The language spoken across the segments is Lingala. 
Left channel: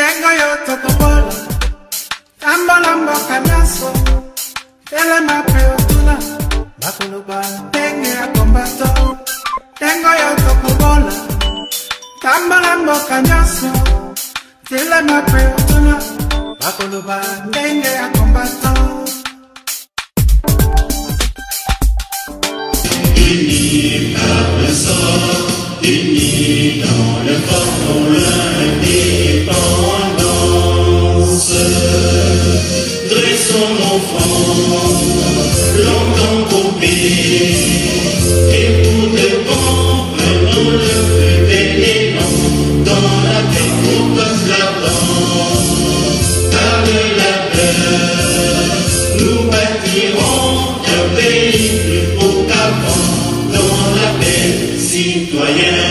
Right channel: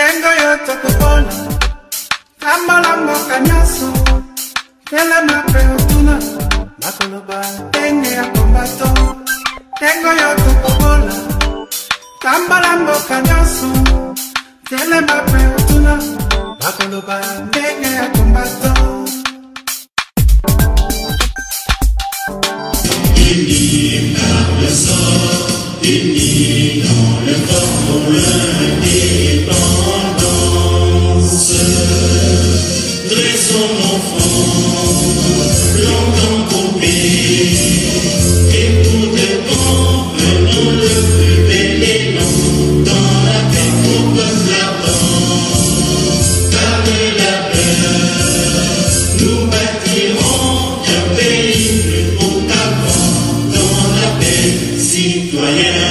Dengo yo tokobola, tambola mboka nyaso, telema preotuna, bakoloba denge ya kombato. Dengo yo tokobola, tambola mboka nyaso, telema preotuna, bakoloba denge ya kombato. Il nie par le sort, il nie dans le corps l'indépendance. Dressons nos fronts, longtemps coupés, et pour de bon, prenons le plus bel élan, dans la carreau comme la bande. Par la peur, nous bâtirons un pays plus beau qu'avant, dans la paix citoyenne.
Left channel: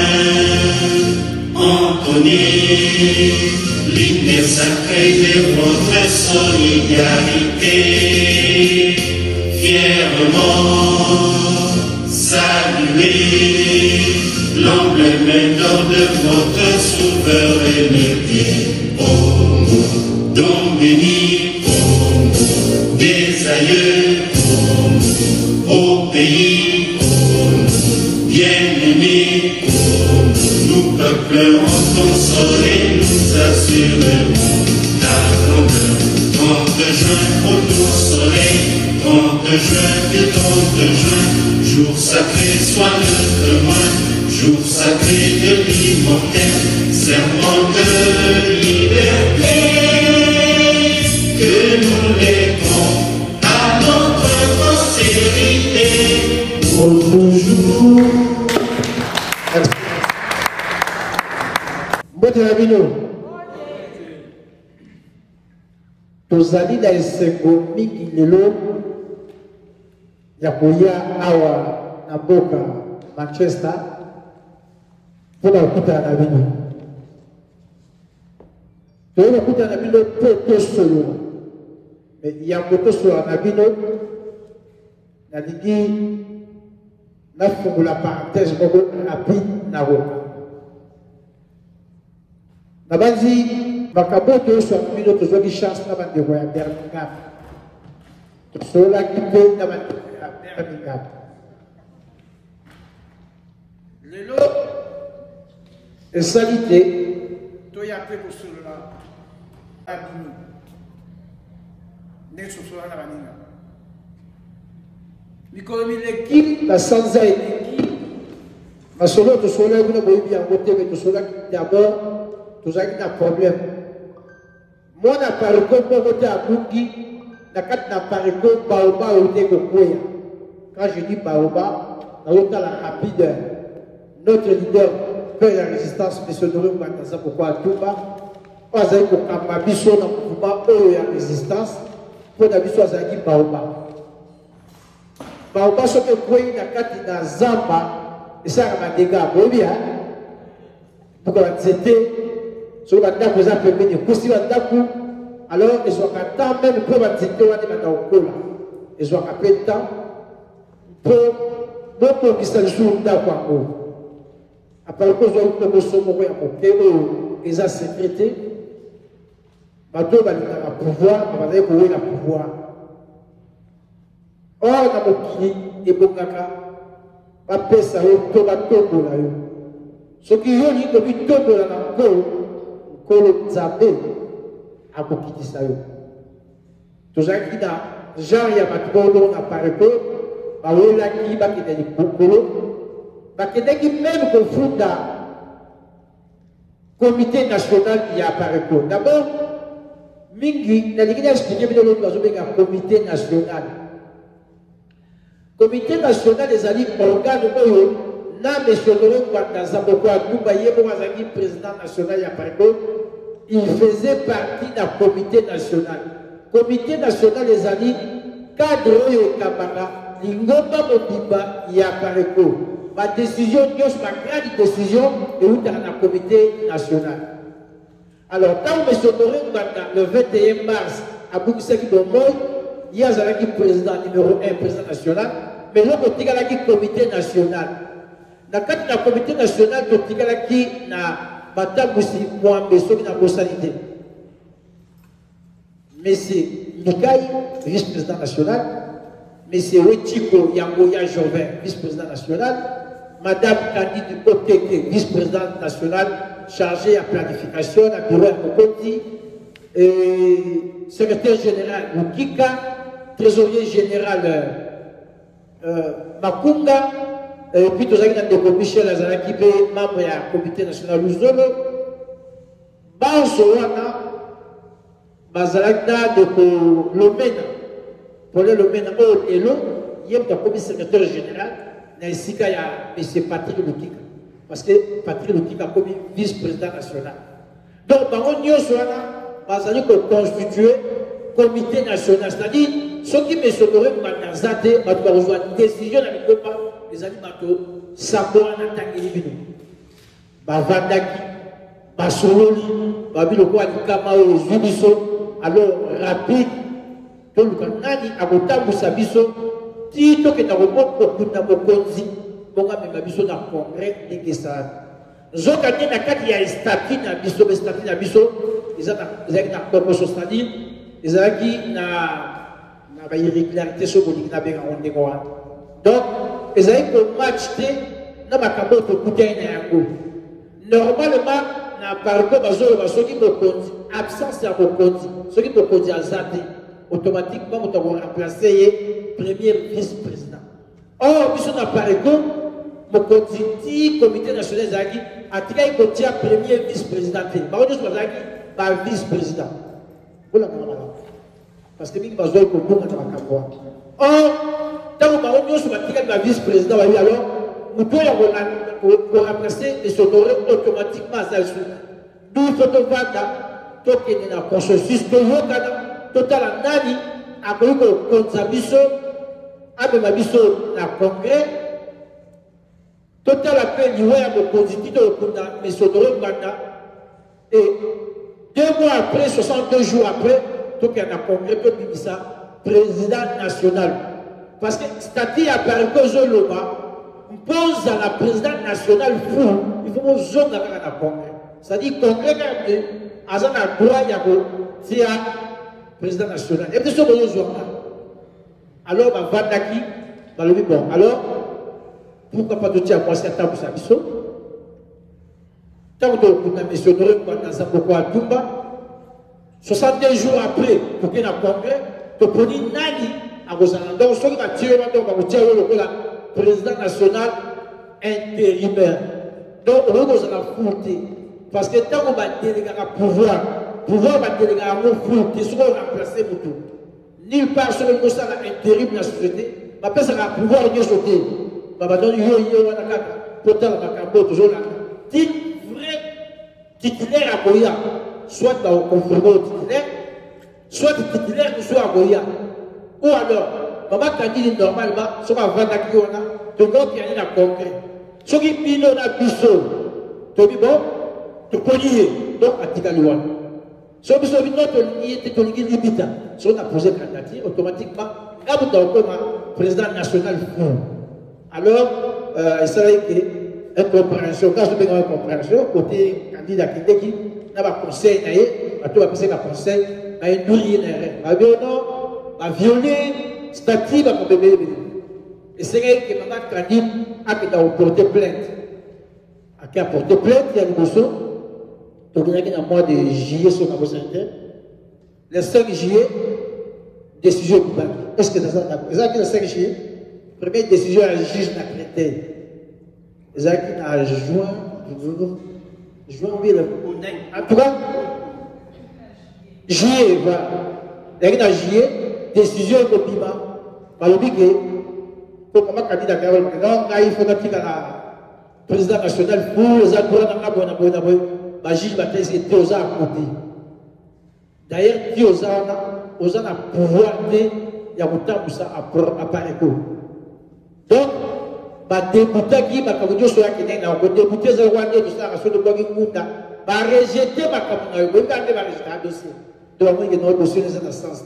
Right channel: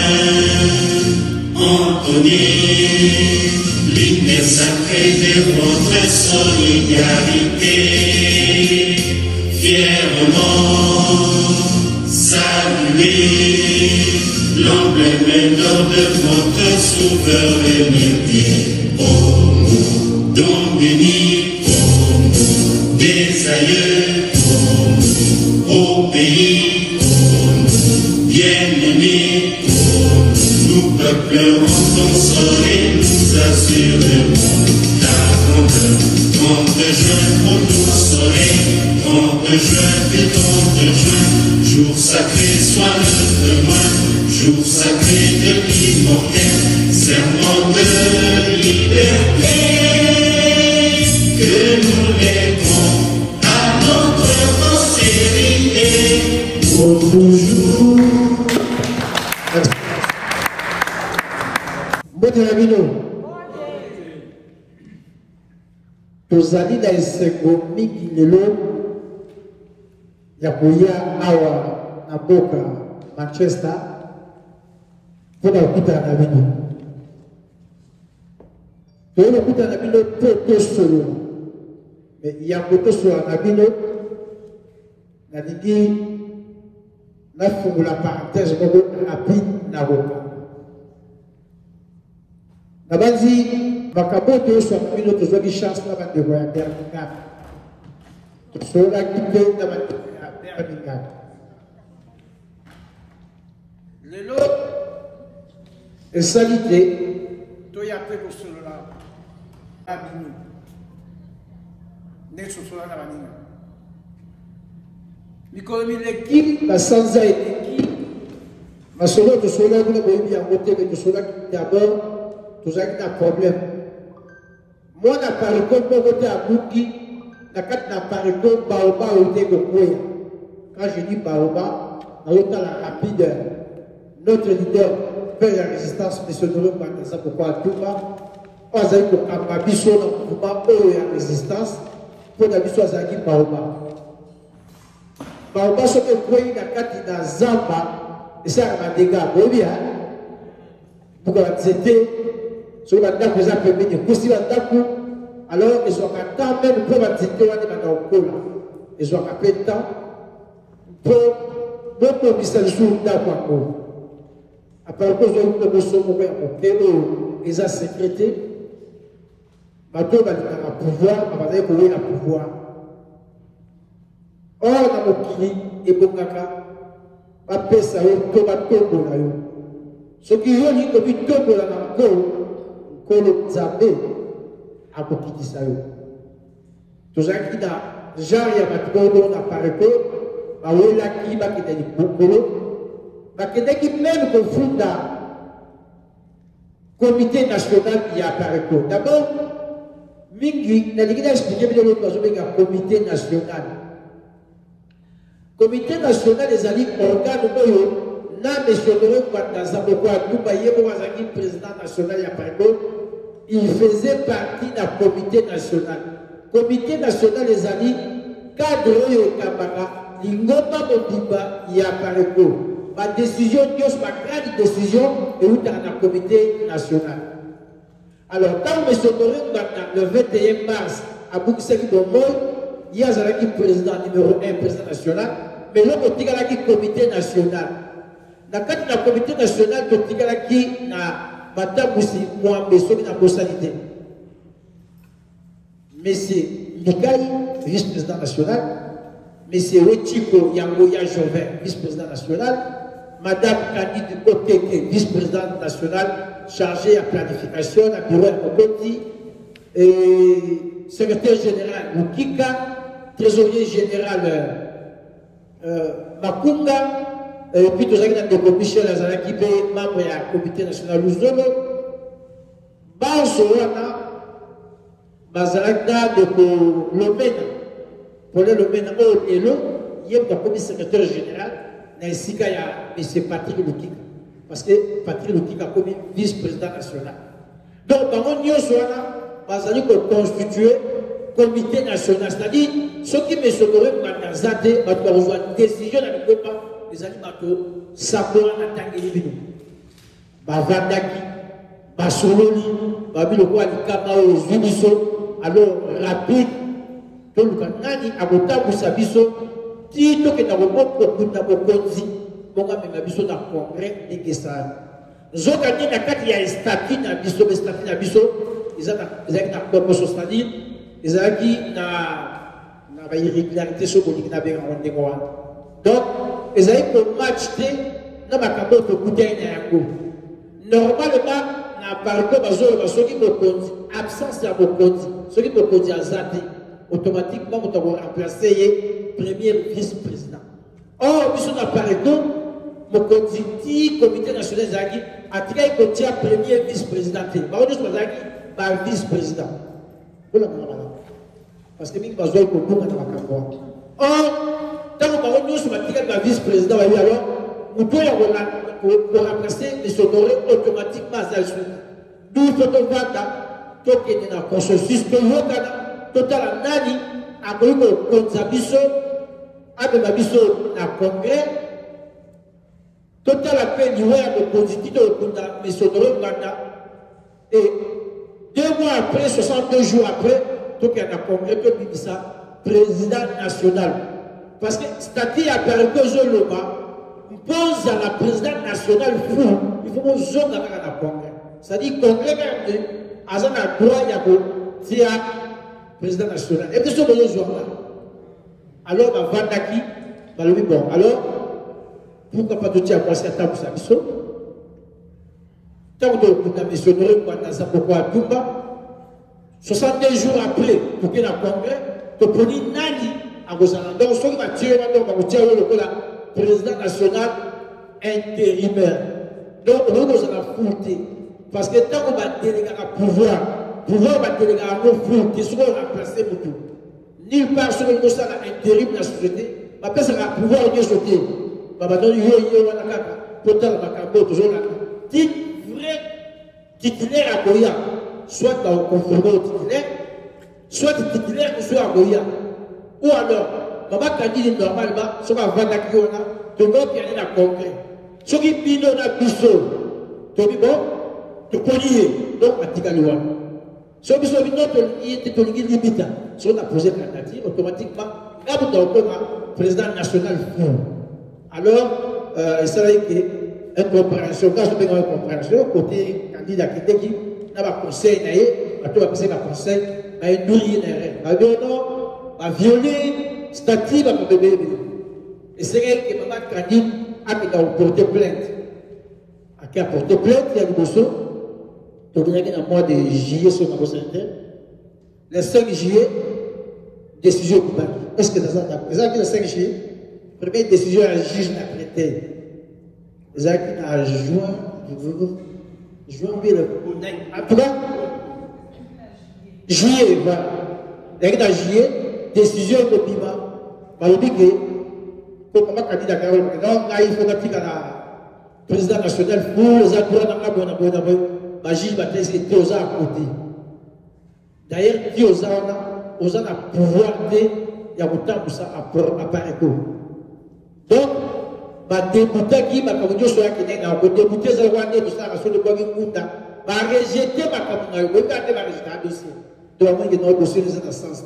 Entonner l'hymne sacré de votre solidarité, fièrement saluer l'emblème d'or de votre souveraineté. Oh, donc béni, oh, des aïeux, oh, pays, bien-aimé, nous peuplons consoler, nous assurerons la bonheur. 30 juin, retour soleil, 30 juin, puis 30 juin, jour sacré soit le demain, jour sacré de l'immortel, serment de liberté, que nous lèverons à notre postérité pour toujours. Boteramino, tozali na esengo mingi lelo ya koya awa na mboka Manchester mpona kokutana na bino. Toyei kokutana na bino mpo tosolola, me yango tosolola na bino nalingi nafungola parenthèse moko rapide na boka. Nabanzi makambo toyoswa bino tozwaki chance na bandeko ya Birmingham, tosololaki mpe na bandeko ya Birmingham. Lelo esali te toya mpe kosolola na bino ndenge tosolola na baninga. Mikolo mileki na sanza eleki masolo tosololaki kuna boyebi yango te, me tosololaki d'abord tozalaki na problème. Mwana pariko moko te abuki na kati na pariko baoba oyo te kokwea. Quand je dis baoba, nazotala rapide notre leader père ya résistance M. Doro Ngwanda pourquoi Atumba oyo azali kokamba biso na mouvement oyo ya résistance mpo na biso azalaki baoba. Baoba soki ekwei na kati na zamba esalaka madega boyebi buka banzete soki bandako eza pembeni ekosi bandako, alors ezwaka temps meme mpo banzete wana banda kokola, ezwaka mpe temps mpo bobongisa lisusu ndako yango. Apres kozwaki koboso moko ya moke oyo eza secrete, bato oyo balingaka pouvoir abazali kowela pouvoir. Or na mokili ebongaka bapesa yo to batombola yo. Soki yo lingi kobitombola na nkolo, nkolo nzambe akokitisa yo. Tozalaki na genre ya bato oyo na pareko bawelaki bakende likolo, bakendaki meme kofunda comité national ya pareko. D'abord mingi nalingi na expliquer bino loto bazobenga comité national. Comité national ezali organe oyo na M. Doro Ngwanda pourquoi Atumba yebo azali président national ya pareko, il faisait partie d'un comité national. Comité national ezali cadre oyo ekambaka lingomba mobimba ya pareko. Ma décision, ma grande décision, est où dans le comité national. Alors, quand M. Doro Ngwanda, le 21 mars, à Boukiseki Bomboy, il y a un président numéro 1, président national, mais l'autre, il y a un comité national. Dans le comité national, il y a un Bata Moussi, Mohamed, qui a une M. Mikai, vice-président national, M. Wetiko Yangoya Joven, vice-président national, Madame Candide Okeke, vice-présidente nationale chargée à planification, à bureau Mokoti, secrétaire général Mukika, trésorier général Makunga, et puis tout ça, Michel Azalaki, membre du comité national Luzolo, Bansoana, Bazalaka de Lomena, pour le Lomena Elo, il y a un secrétaire général, ainsi qu'il y a M. Patrick Lukika, parce que Patrick Lukika a commis vice-président national. Donc, on y a constitué comité national, c'est-à-dire ceux qui me sont dans Zate, une décision dans le gouvernement, les animateurs, Sabora Natangeli, Bavandaki, Basololi, Babiloko Alikama, Zuniso, alors rapide, tout le Kanani, Agota Moussabiso, Tito que nous avons Konzi, Bonga Megabiso dans le congrès de Gessar. Zokati na kati ya statut na biso, statut na biso, ils ont na proposition c'est-à-dire, ils ont na irrégularité sur le na benga ondeko. Donc, ils ont match na makambo to kutai na yango. Normalement, na parco bazo basoki bokonzi, absence ya bokonzi, soki bokonzi azate, automatiquement on doit remplacer premier vice-président. Or, nous sommes à Pareto, mon comité national Zagi a tiré le premier vice-président. Nous sommes à vice-président. Parce que nous sommes à or, quand nous sommes à vice-président, alors, nous pouvons remplacer les honorer automatiquement à ça. Nous sommes à la consensus total nani a connu le Konzabiso, a biso na congrès, total appel du web au constituteur de M. Sodoro Mbanda. Et 2 mois après, 62 jours après, tout y a un congrès, tout le ça, président national. Parce que statut à Perco Loma, on pose à la présidente nationale fou, il faut que zone dans le congrès. C'est-à-dire congrès a un droit à président national. Et puis, alors, Vandaki, bon, alors, pourquoi pas tout dire à quoi c'est un peu ça, biso? Tant que nous avons mentionné dans un peu à Tumba, 62 jours après, pour qu'il y ait un congrès, tu peux dire Nani à Gozalanda, donc, ceux qui ont tiré le président national intérimaire. Donc, on va foutre. Parce que tant qu'on va déléguer un pouvoir va déléguer un mot flou, qui sera remplacé pour tout. Nulle part, ce que ça a intérim dans la société, ma personne a pouvoir de sauter. Ma donne total Makambo, toujours là. Dit vrai titulaire à Goya, soit dans le confirmé au titulaire, soit titulaire ou soit à Goya. Ou alors, maman Kandidi normalement, soit à Vandakiona, de l'autre qui a un congrès. Ce qui pino na biso, tu dis bon, tu peux lier, donc à Tigalouane. Si on a limite, si on a posé candidature, automatiquement, il y a un président national fou. Alors, c'est vrai qu'il y a une compréhension, quand je fais une compréhension, côté candidat qui dit, il y a un conseil, il y a un conseil, il y a une douille, il y a un violé, statut, il y a un bébé. Et c'est vrai que maman candidat a porté plainte. A porté plainte, il y a une bousseau. Donc, il y a un mois de juillet sur la santé. Le 5 juillet, décision pour Baki. Est-ce que c'est d'accord? Le 5 juillet, première décision, le juge n'a traité. Les gens qui ont juin, en tout cas, juillet, voilà. Les gens juillet, décision de Bima. Malobi que, pour comment candidat Carole, non, il faut que la président national pour les gens pour la bonne. Ma juge va dire que Tioza à côté. D'ailleurs, Tioza a le pouvoir de Yamouta pour ça à Pareco. Donc, ma député qui m'a dit que je suis député Zawande de ça, sur le Bogi Mouta, va rejeter ma camarade, va rejeter le dossier. Donc, il y a un dossier dans ce sens,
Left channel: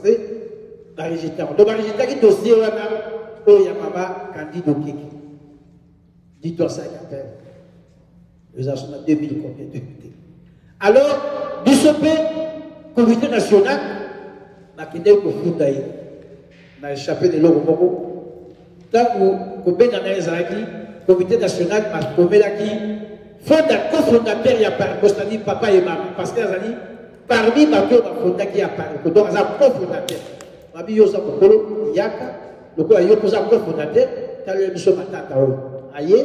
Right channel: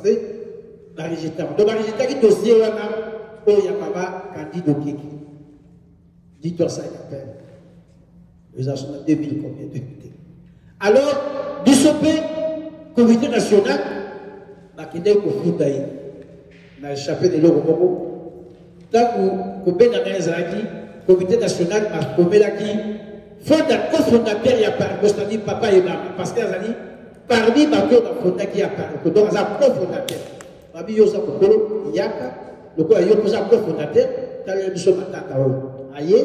va rejeter. Donc, va rejeter le dossier, où il y a maman candidat au Kiki. Dis-toi ça, il appelle. Nous avons 2000 combien de députés. Alors, Bissopé, comité national, bakende ko futa yi na échappé de l'eau moko tant que benga na ezaki comité national ma komelaki fondateur ya Parco, c'est-à-dire papa et maman parce que azali parmi bato bafondaki ya Parco donc aza cofondateur babi yoza kokolo yaka lokola yo koza cofondateur tala biso matata oyo aye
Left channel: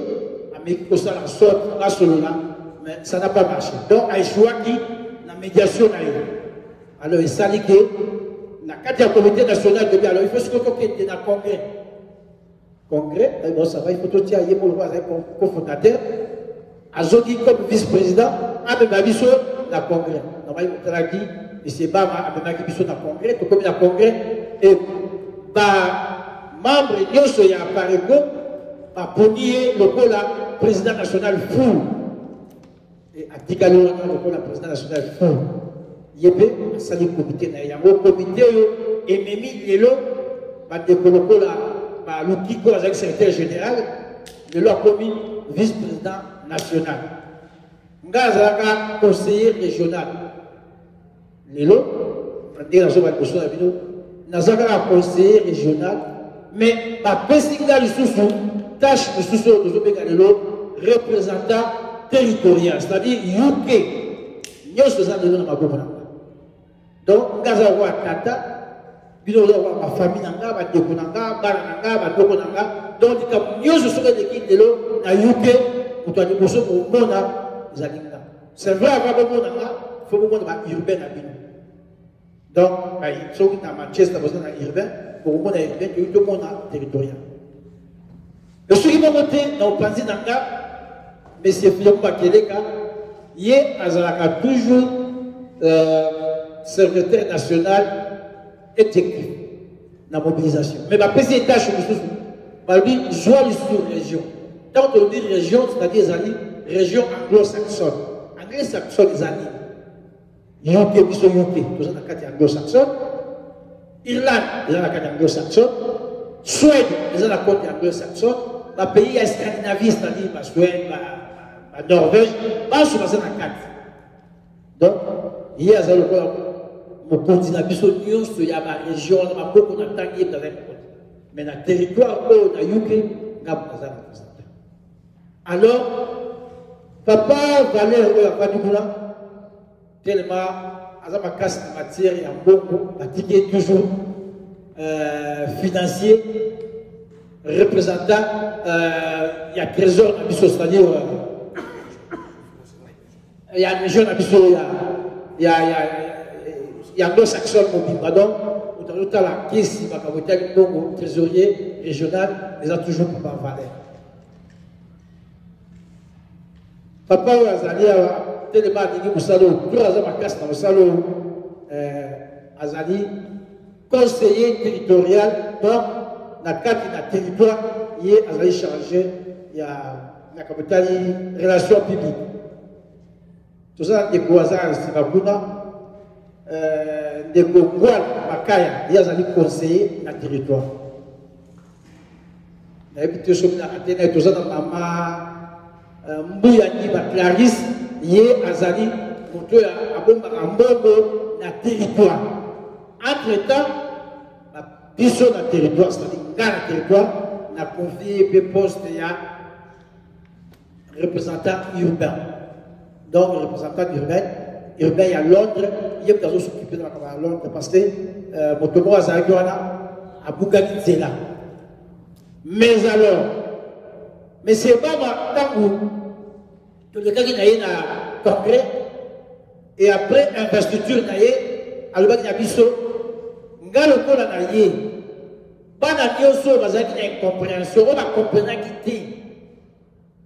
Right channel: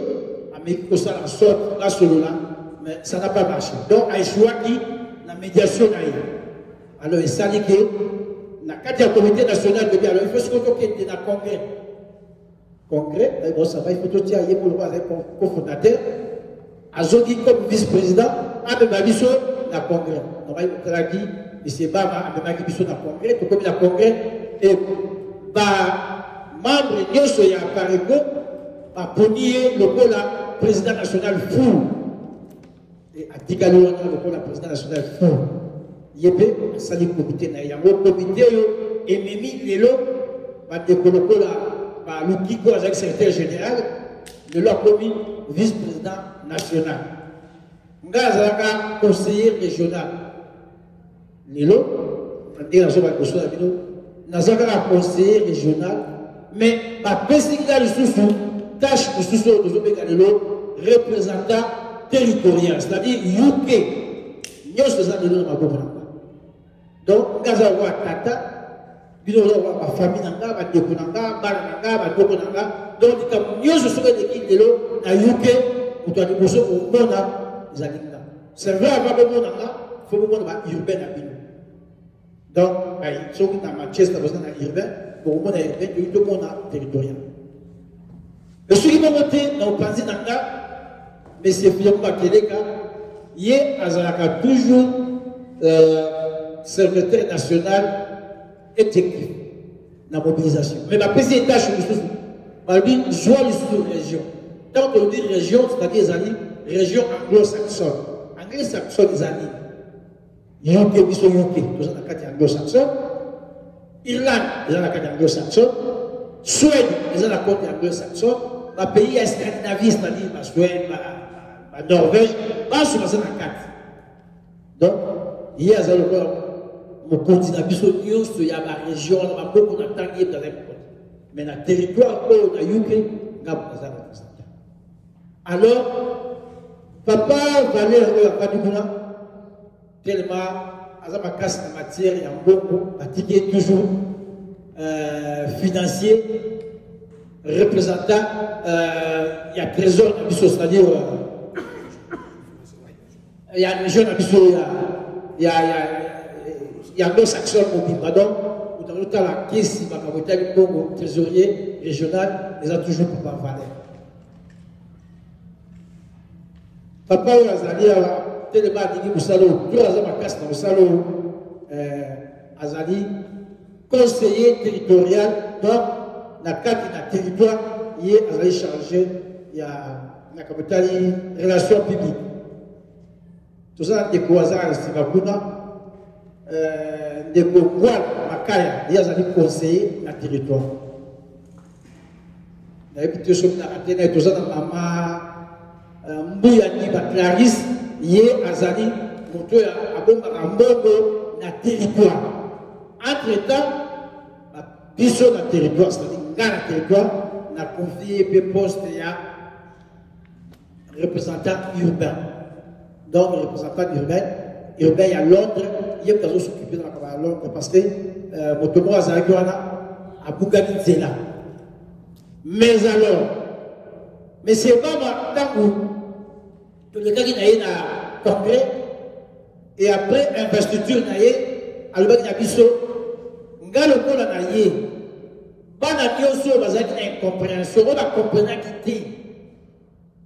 ameki kosala sorte basolola mais ça n'a pas marché donc aéchouaki la médiation na ye alors esali ke na kati ya comité national de bien alors il faut se kokende na congrès bon ça va il faut tout dire ye pour le cofondateur Azogi comme vice-président, a biso na congrès. On va y montrer M. Bama a biso na congrès, tout comme na congrès, et membre de ya Parego, ponier le président national fou. Et à Tigalo, le président national fou. Yébé, sali comité na yango comité et Mimi Lelo, décoloko la Lukiko avec secrétaire général, le a commis vice-président national. Ngazaka conseiller régional. Lelo, Nazaka conseiller régional, mais ma pesinga sous tâche de sous de représentant territorial, c'est-à-dire UK. Nous sommes donc, Ngazawa Tata, ma famille nanga, ma déconanga, ma dokonanga, donc nous sommes des na UK. C'est vrai, il faut que urbain. Donc, si on a Manchester, on a urbain, pour le monde urbain, tout le monde a territorial. Le suivi de monté dans le passé d'Anga, mais c'est plus que il a toujours secrétaire national effectif dans la mobilisation. Mais ma petite tâche, je suis région. Quand on dit région, c'est-à-dire les régions anglo-saxonnes. Anglo-saxonnes, les amis. UK, biso UK, tous en a anglo-saxonnes. Irlande, les en a anglo-saxonnes. Suède, les en a anglo-saxonnes. Les pays scandinavistes, c'est-à-dire la Suède, la Norvège, pas sur la carte. Donc, il y a le continent, biso news, il y a la région, il y a beaucoup de temps, mais dans le territoire, dans le UK, il y a beaucoup de temps. Alors, papa Valère Ouakadoukoula, tellement, à ma casse en matière, il y a beaucoup, pratiqué toujours financier, représentant, il y a trésor, c'est-à-dire, il y a une région, il y a anglo-saxon, pardon, où dans la caisse, il y a un trésorier régional, ils ont toujours papa Valère. Papa Azali a tellement dit que Salo, tout le monde a dans Salo, Azali, conseiller territorial, donc, dans le cadre d'un territoire, il est Azali chargé, il y a la capitale relations publiques. Tout ça, des Kouazars, Sibakuna, des Kououal, Makaya, il y a Azali conseiller dans le territoire. Il y a des petits choses qui ont été tout ça dans ma Mbouyani Clarisse, Yé Azali, Montoya Abombarambogo, na territoire. Entre-temps, Biso na territoire, c'est-à-dire dans le territoire, na confié le poste de représentant urbain. Donc, représentant urbain, il y a Londres, il y a des s'occuper de la Londres parce que Motomo Azali a Bougani Zela. Mais alors, mais c'est pas tant que le cas qui n'a pas congrès et après investiture n'a pas alba na biso ngalo ko na ye bana bioso bazaki na incompréhension on a compris qui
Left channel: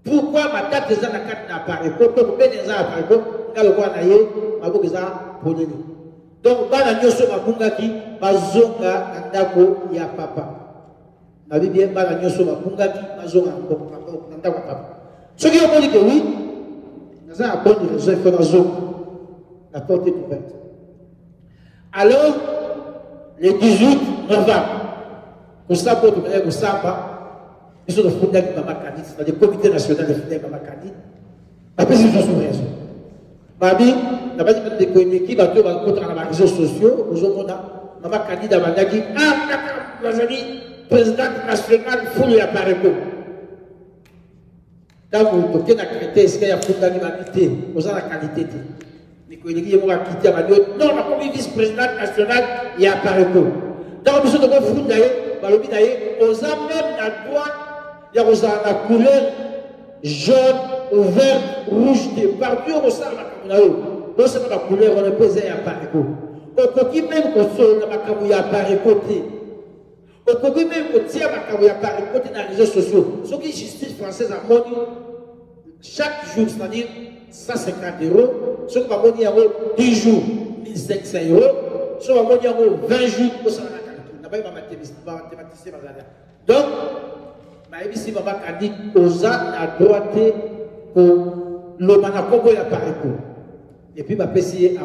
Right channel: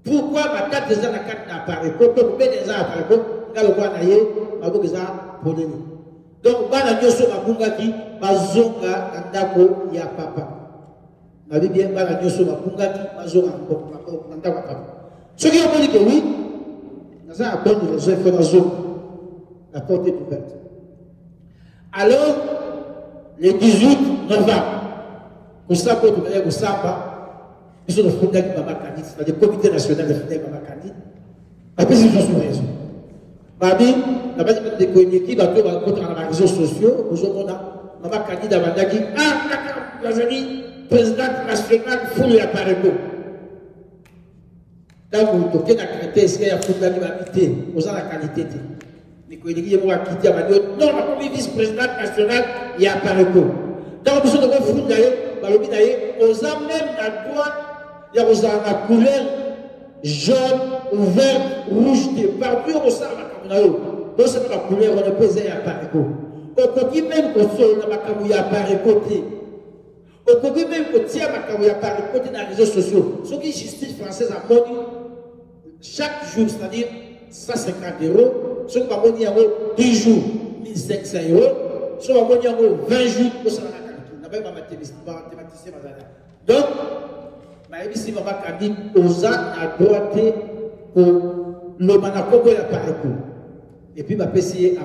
pourquoi ma tête des na carte na pas ko to be des a pas ko ngalo ko na ye mabuki za ponini donc bana bioso babungaki bazonga ndako ya papa na bibi bana bioso babungaki bazonga ndako ya papa ce qui on dit que oui ça a bonne raison il faut la porte est ouverte. Alors, le 18 novembre, pour ça, pour tout ça, ils sont fondés avec Mama Kanit, c'est-à-dire le comité national de fondés avec Mama Kanit. Après, ils sont sous raison. Babi, la base de communiquer, on va dans les réseaux sociaux, aujourd'hui, on a maman candidat bandaki bazali président national fulu ya pareko donc toke na qualité est-ce qu'il y a fondani mamité aux la qualité mais ko iliki mo akiti abandi non na comme vice président national ya pareko donc biso to ko funda ye balobi na ye aux même na droit ya la couleur jaune, vert, rouge, partout au sein de la Cameroun. Donc, c'est la couleur, on est posé à Pareko. Au côté même qu'on soit dans la Cameroun à Pareko. Au côté même qu'on tient la Cameroun à Pareko dans les réseaux sociaux. Ce qui est justice française a monnaie chaque jour, c'est-à-dire 150 €. Ce qui va monnaie en 10 jours, 1500 €. Ce qui va monnaie en 20 jours, au sein de la Cameroun. On n'a pas mathématicien. Donc, ici, maman dit aux à droite pour le manakobo ya pareko. Et puis, ma PCA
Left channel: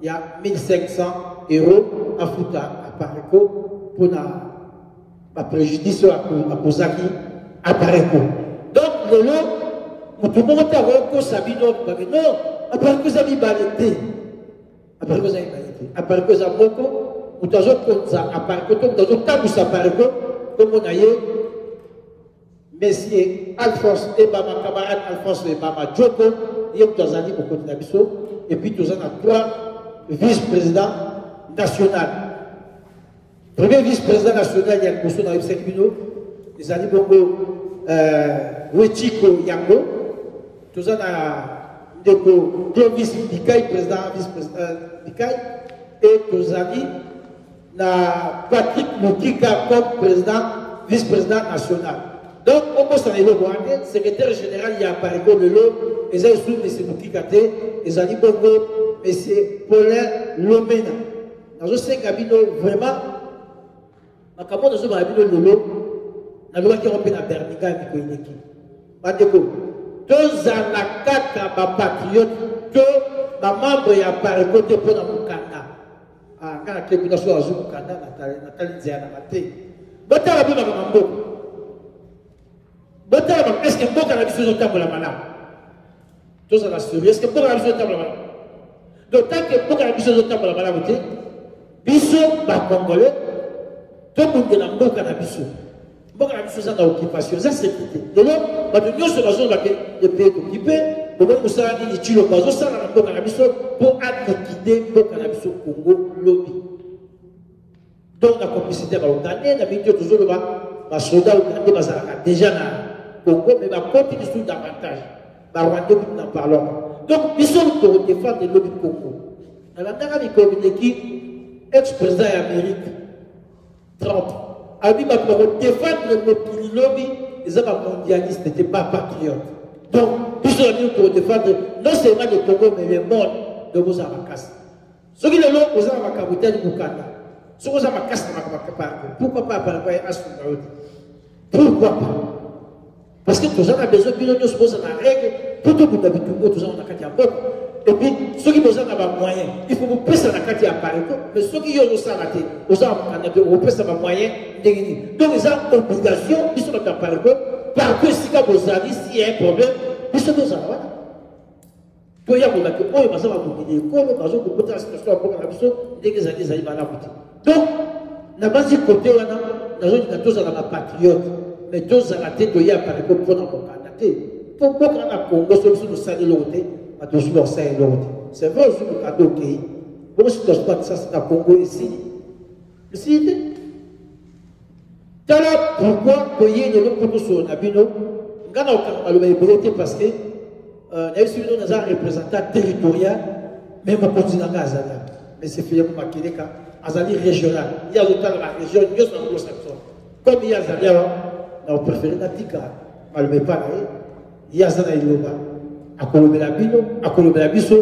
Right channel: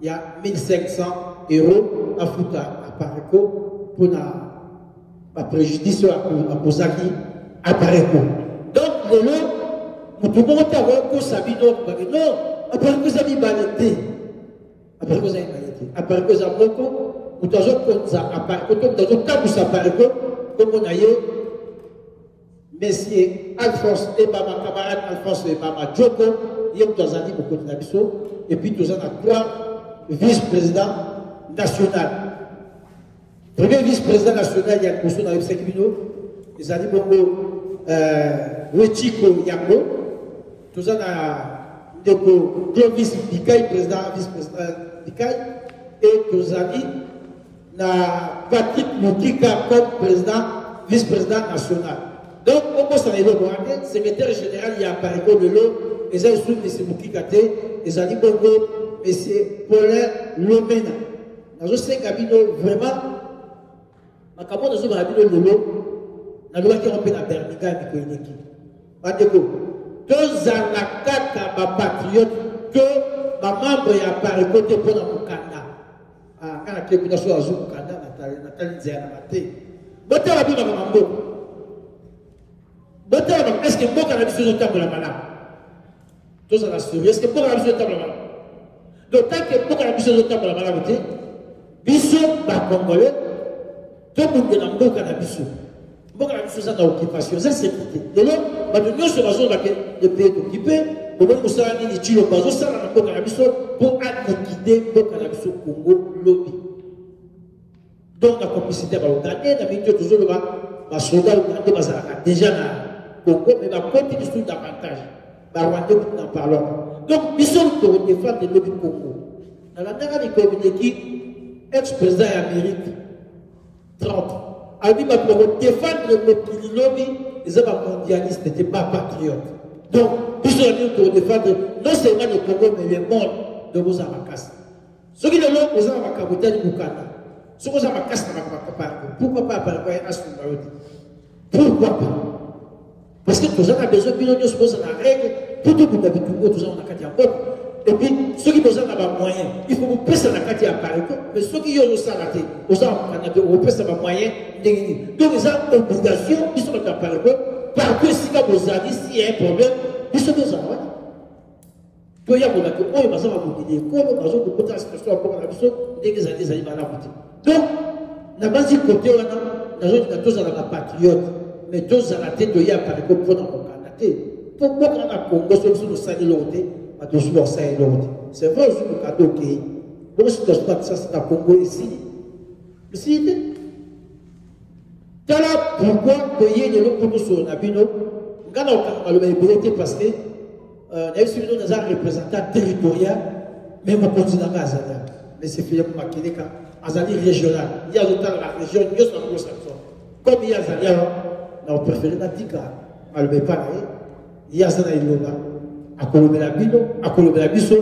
il y a 1500 € à foutre à pareko pour la préjudice à Kozaki à pareko. Donc, le lot, pour tout le monde, à voir Sabino, non, à pareko, ça mi balete. À pareko, ça mi balete. À pareko, ça moko, ou t'as comme ça, à pareko, t'as tabou ça pareko, comme on a eu. Messieurs Alphonse et Bama, camarade Alphonse et Bama Djoko, il y a Toazani au côté d'Abisso, et puis Toazani a 3 vice-présidents nationaux. Premier vice-président national, il y a le dans les 5 minutes, les Ali Bongo, Wechiko Yango, Toazani a Clovis Bikaï, président, vice-président Bikaï, et Toazani a Patrick Moukika comme président, vice-président national. Donc, on peut s'en aller le secrétaire général, il y a Pareko de l'eau, et ça, il y a M. Moukikate, et ça dit Bongo, M. Paulin Lomena. Dans ce cabino, vraiment, ma capo dans ce cabino de l'eau, la loi qui rompt la Bernica et Mikoineki. Madeko, deux ans la carte à ma patriote, que ma membre y a Pareko de Pona Moukanda. Ah, quand la clé de soit à Zoukanda, Nathalie Zéana Maté. Bota la boue à Mambo. Est-ce que beaucoup de choses ont la malade? Tout ça va se est-ce que beaucoup de choses ont la malade? Donc, tant que beaucoup de choses ont la malade, biso, congolais, tout le monde est beaucoup de biso. Beaucoup de choses ont l'occupation, ça c'est sécurité. Donc, nous sommes dans le pays occupé, nous sommes dans les Tchilo, nous sommes dans le biso pour liquider beaucoup de biso Congo lobby. Donc, la complicité va ougandais, la milieu toujours le soldat ougandais va déjà Congo, mais va continuer sur davantage. Rwanda, nous en parlons. Donc, ils sont pour défendre le lobby Congo. Dans la dernière communiqué, ex-président d'Amérique, 30, a dit pour défendre le lobby, les hommes mondialistes n'étaient pas patriotes. Donc, ils sont venus pour défendre non seulement le Congo, mais le monde de Mozambique. Ceux qui le ont posé à Makabotel Bukanda, ceux qui ont cassé pourquoi pas Paraguay à son mari? Pourquoi pas? Parce que tous a besoin de nous se poser la règle, tout le monde habite tout ça, on a qu'à dire et puis, ceux qui ont besoin d'avoir moyen, il faut vous passer la carte à Paris, mais ceux qui ont ça raté, aux gens vous passez la moyen, donc ils ont obligation, ils sont à Paris, parce que si vous avez, s'il y a un problème, ils sont besoin. Il y a des gens qui ont besoin de la situation à la mission, dès que les années arrivent à la boutique. Donc, la base du côté, nous avons tous à la patriote. Mais tous à la tête de Y'a par exemple pour notre candidat. Pour moi, quand on a Congo, solution de Sani Loroté, à tous les Sani Loroté. C'est vrai, je vous cadeau qui. Bon, si tu n'as pas de ça, c'est à Congo ici. Ici, t'as là, pourquoi payer de l'autre côté sur Nabino? On a le vérité parce que, nous avons un représentant territorial, même on continue à Gazalia. Mais c'est finalement Makeleka, Azali régional. Il y a le temps de la région, il y a un gros secteur. Comme il y a Zalia, on préfère la tika, malgré pas là, il y a ça dans le bas. À Colombe-la-Bino, à Colombe-la-Bisso,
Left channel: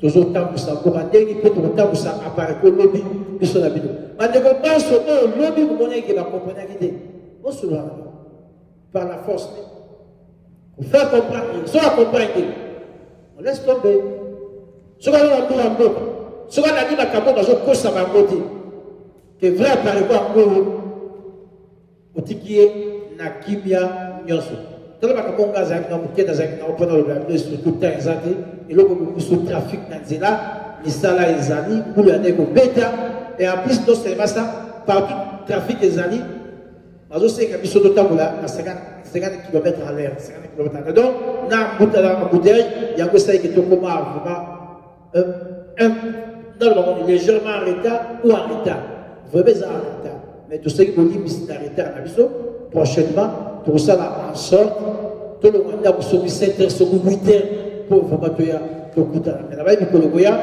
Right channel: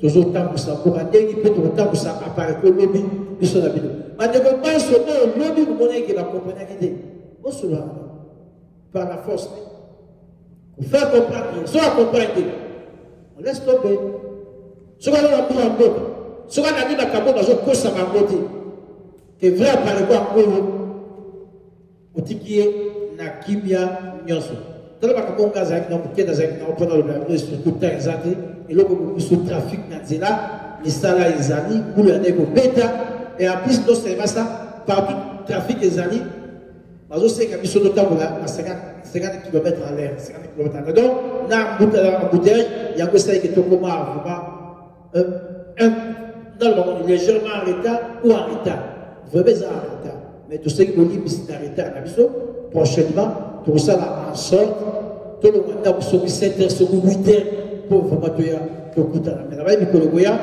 toujours temps pour ça, pour un dernier peu de temps pour ça, à part que le lobby, biso la bino. Mais de quoi pas ce nom, le lobby, vous monnaie qui va comprendre l'idée. On se voit par la force. On fait comprendre, soit comprendre, on laisse tomber. Ce qu'on a dans un peu, ce qu'on a dit à Cabo, dans un peu, ça va monter. Que vrai apparaît quoi encore. Otikie na kimia nyonso. Tala makambo ngazaki na mukenda zaki na opona le surtout temps exact et le beaucoup sur trafic na nzela misala ezali pour l'année ko beta et en plus non seulement ça partout trafic ezali bazo seka biso totambola à 50 km à l'heure 50 km à l'heure donc na embouteillage il y a que ça qui est vraiment dans le moment légèrement en retard ou en retard vraiment en retard mais tout ce qui veut dire que c'est en retard prochainement tout ça là en sorte tout le monde a sur 7 heures sur 8 heures pour vraiment tout coûter mais là-bas il faut le goya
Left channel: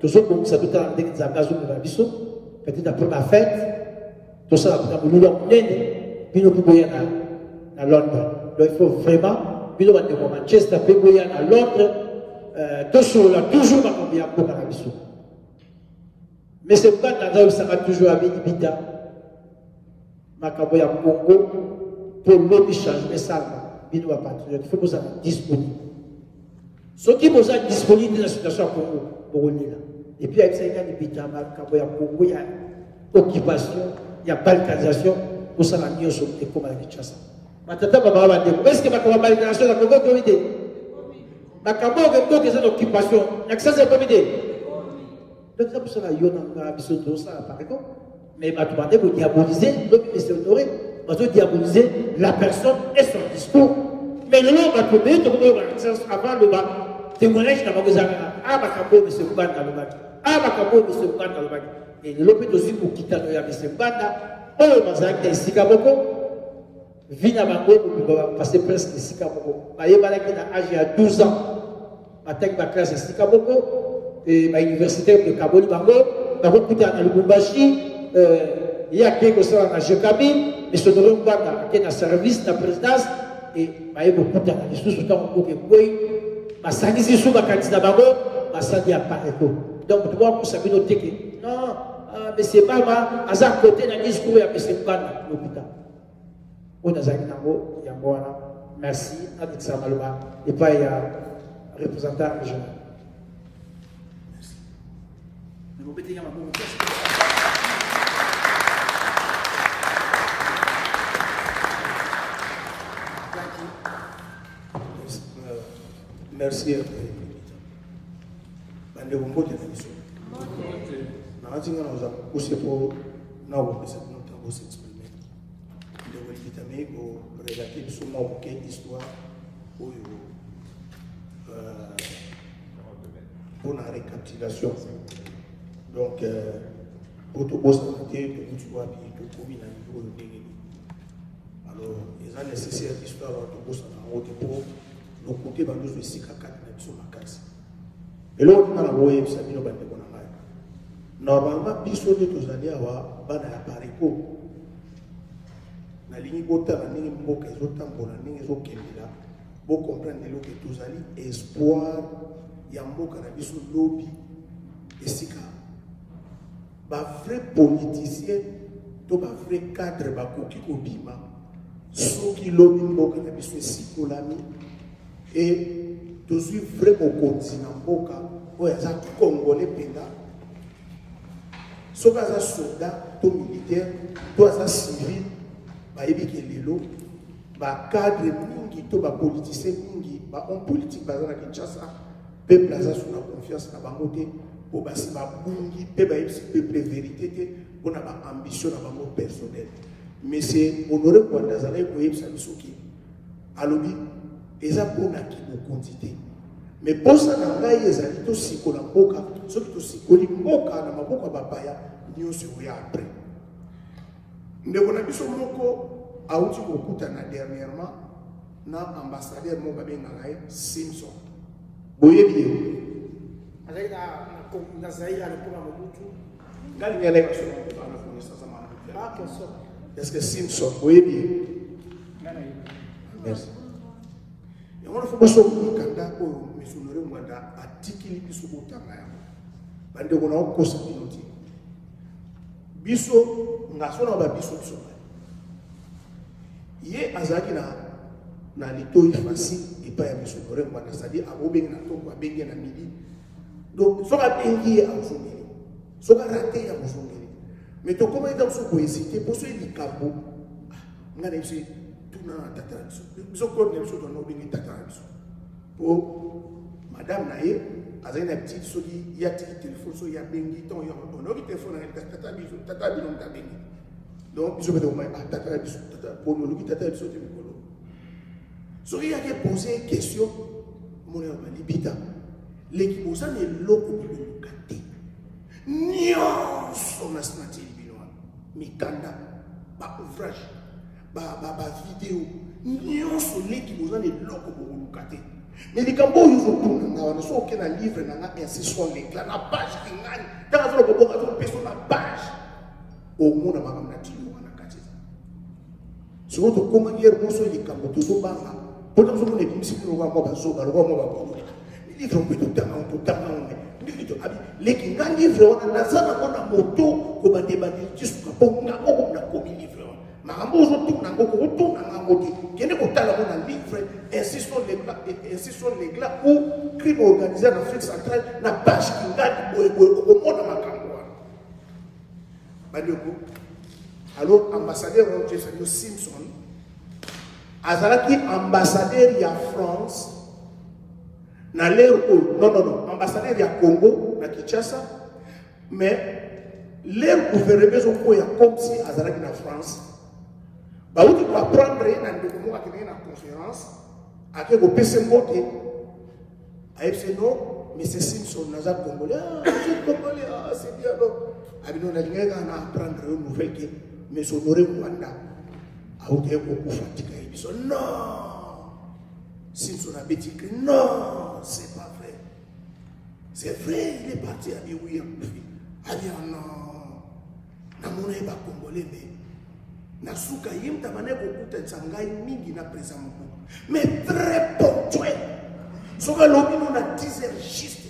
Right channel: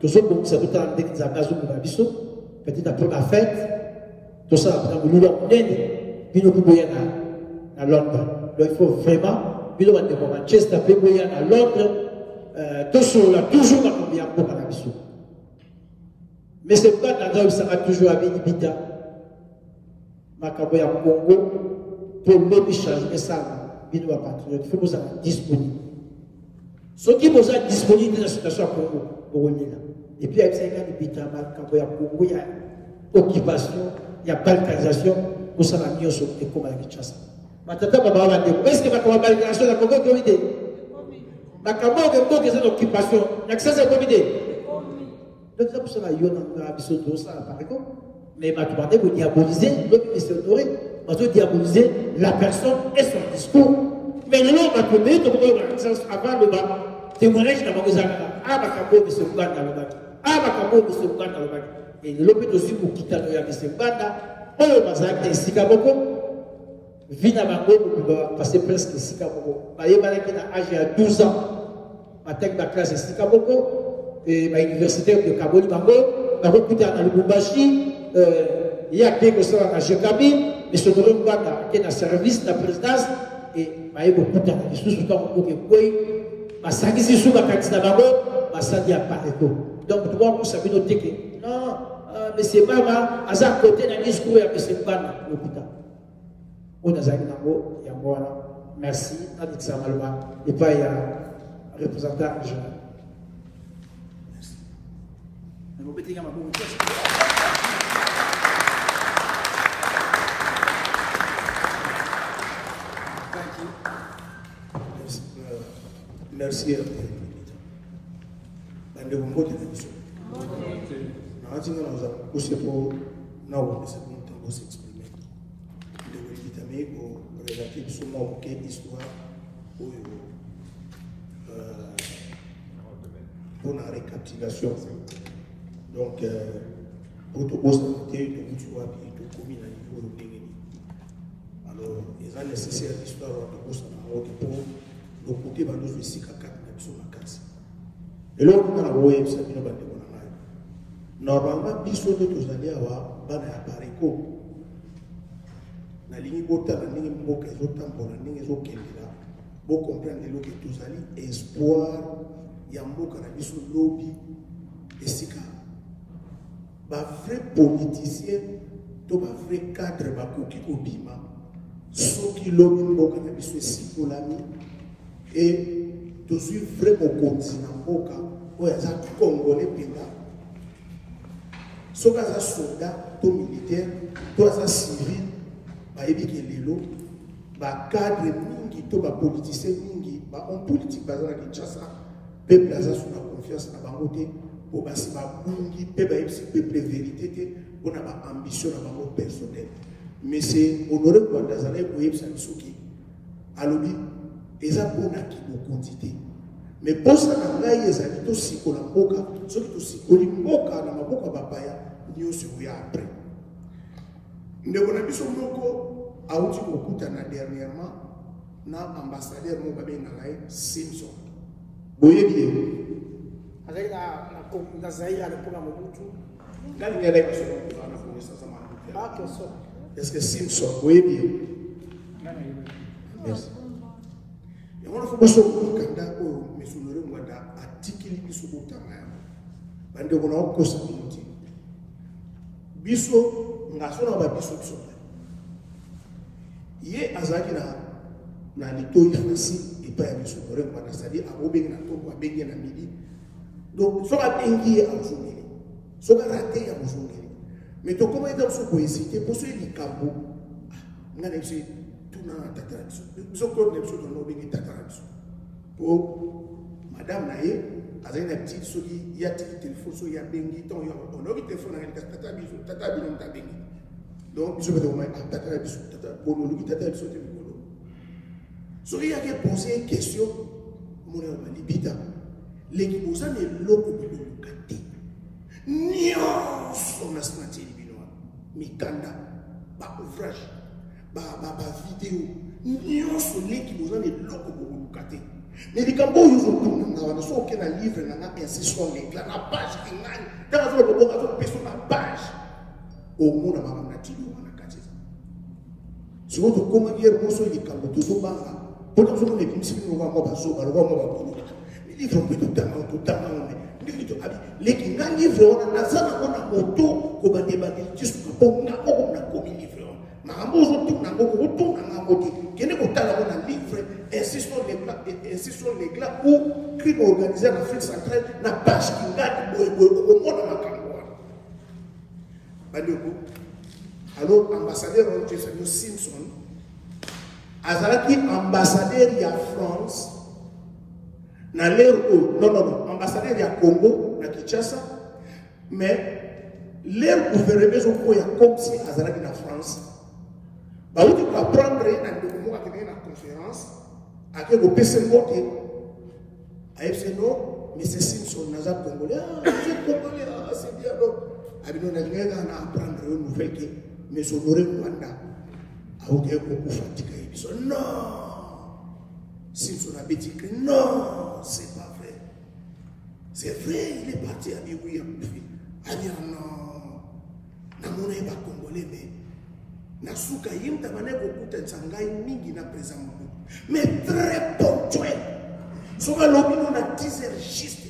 tout ça pour ça tout à l'heure des amazons de la biso peut-être après la fête tout ça là pour nous l'emmener puis nous pouvons à Londres donc il faut vraiment puis nous allons à Manchester puis nous à Londres tout ça là toujours dans le bien pour la biso mais c'est pas dans ça va toujours avec Ibita Makaboya Congo pour l'homme changer ça il faut que vous soyez disponible. Ce qui vous est disponible dans la situation pour là. Et puis, avec ça, il y a des pétages, il y a occupation, il y a balkanisation, pour ça, on a mis sur le comme avec Kinshasa. Maintenant, est-ce que ma balkanisation a encore une idée? Ma campagne a une occupation, l'accès à la idée. Donc, ça, pour ça, il y a un peu de ça, par exemple. Mais ma demandé pour diaboliser, l'homme est honoré. On doit diaboliser la personne et son discours. Mais le nom va tomber, avant le bac, témoignage dans le bac. Ah, ma cambo, monsieur Mbanda dans le bac. Ah, ma cambo, monsieur Mbanda dans le bac. Et le l'hôpital aussi pour quitter le monsieur Mbanda. Oh, ma zaki, c'est Sikaboko. Vina Bango, pour passer presque Sikaboko. Ma yébalaki n'a âge à 12 ans. Ma tech, ma classe, c'est Sikaboko. Et ma université de Kaboni Bango. Ma recruté dans le Bumbashi. Il y a quelque chose à Jokabi. Et ce dont on va dans le service de la présidence, et il y a beaucoup de choses qui sont beaucoup de choses. Sous ma candidat d'abord, ma sadi a pas donc, tu vois, pour savoir noter que non, mais c'est pas mal, à ça côté d'un discours, il y a M. Mbanda, l'hôpital. On a Zaki Nambo, il y a moi, merci, avec ça, Maloma, et pas il y a un représentant régional. Merci. Mais vous mettez ma bonne question. Merci. Bande Bongo de la mission. Nous avons poussé pour nous s'exprimer. Nous avons relater sur mon histoire pour la récapitulation. Donc, pour tout constater que nous soyons tout commis à niveau de délégué. Alors, il est nécessaire l'histoire de tout ça pour le côté de nous ici à 4 mètres sur la case. Et là, on a la web, ça dit, normalement, biso de tous les avoir bana appareil ko. Na ligne bota na ligne mboka ezotambola ningi ezokendela. Bo comprendre lo que tous ali espoir ya mboka na biso lobby esika. Ba vrai politicien to ba vrai cadre ba koki ko bima. Soki lobby mboka na biso esipolami et tous vraiment continent mboka oya za congolais pena. Soki aza soldat to militaire to aza civil bayebi ke lelo bacadre mingi to bapoliticien mingi bahomme politique baza na Kinshasa peuple aza sous la confiance na bango te po basi babungi mpe bayebisi peuple vérité te mpona baambition na bango personnel. Mais c'est Honoré Rwanda azalaki koyebisa biso ke alobi eza mpona kimokonzi te mais posa na ngai ezali tosikola mboka soki tosikoli mboka na maboko ya bapaya nyonso oya apres. Ndeko na biso moko auti kokutana dernièrement na ambassadeur moko babengaka ye Simpson boyebi ye azali na Zaïre à l'époque ya Mobutu ngalingi alayi baso bana connaissance ma ah que ça est-ce que Simpson boyebi ye merci. Et on a fait beaucoup de candidats pour M. Honoré Rwanda atikili biso kotanga yango bande ko na kosa binoti biso ngaso na ba biso biso ye azaki na litoi facile et pas M. Honoré Rwanda c'est-à-dire abobengi na toko abengi na midi donc soka bengi ya mfungeli soka raté ya mfungeli mais to comment est-ce que vous hésiter pour ce likambo ngana biso nous sommes pour madame Naye, azali na petit soki ya tiki téléphone so ya bengi ton ya on a téléphone na tata biso ta bengi donc biso beto mai tata biso tata bono luki tata biso te bolo soki ya ke poser question mon ya malibita leki posa ne loko bolo kate nyonso na smati binoa mikanda ba ouvrage ba vidéo nyonso leki posa ne loko bolo kate. Mais les cambo ils ont tout na so que na livre na insertion l'éclat na page qui gagne dans la zone de personne na page au monde ba na tilo na katiza si vous comment hier bon so les cambo tout banga pour nous on est comme si nous va ba so ba ba les livres on peut tout dans on est to abi les qui gagne livre on na sana on a moto ko ba débat juste ko na ko na ko livre makambo zo tout na ngoko tout na ngoko kene ko tala ko na livre insistons les glas ou crime organisé en Afrique centrale na page qui gagne au monde makambo bandeko alors ambassadeur Jefferson Simpson azalaki ambassadeur ya France na l'ère non ambassadeur ya Congo na Kinshasa mais l'ère gouvernement zo ko ya comme si azalaki na France. Bah, vous devez apprendre dans le moment où la conférence, à que vous puissiez monter. Non, mais c'est Simpson, nous avons congolais. C'est congolais, c'est bien. Nous avons apprendre une nouvelle, mais son oreille Rwanda. À vous dire beaucoup fatigué. Non, Simpson a dit que non, c'est pas vrai. C'est vrai, il est parti à dire oui, à dire non. Nous n'avons pas congolais, mais. Nasuka yimta maneko kuta tsangai mingi na présent mais très ponctuel. Soka lobino na 10 heures juste.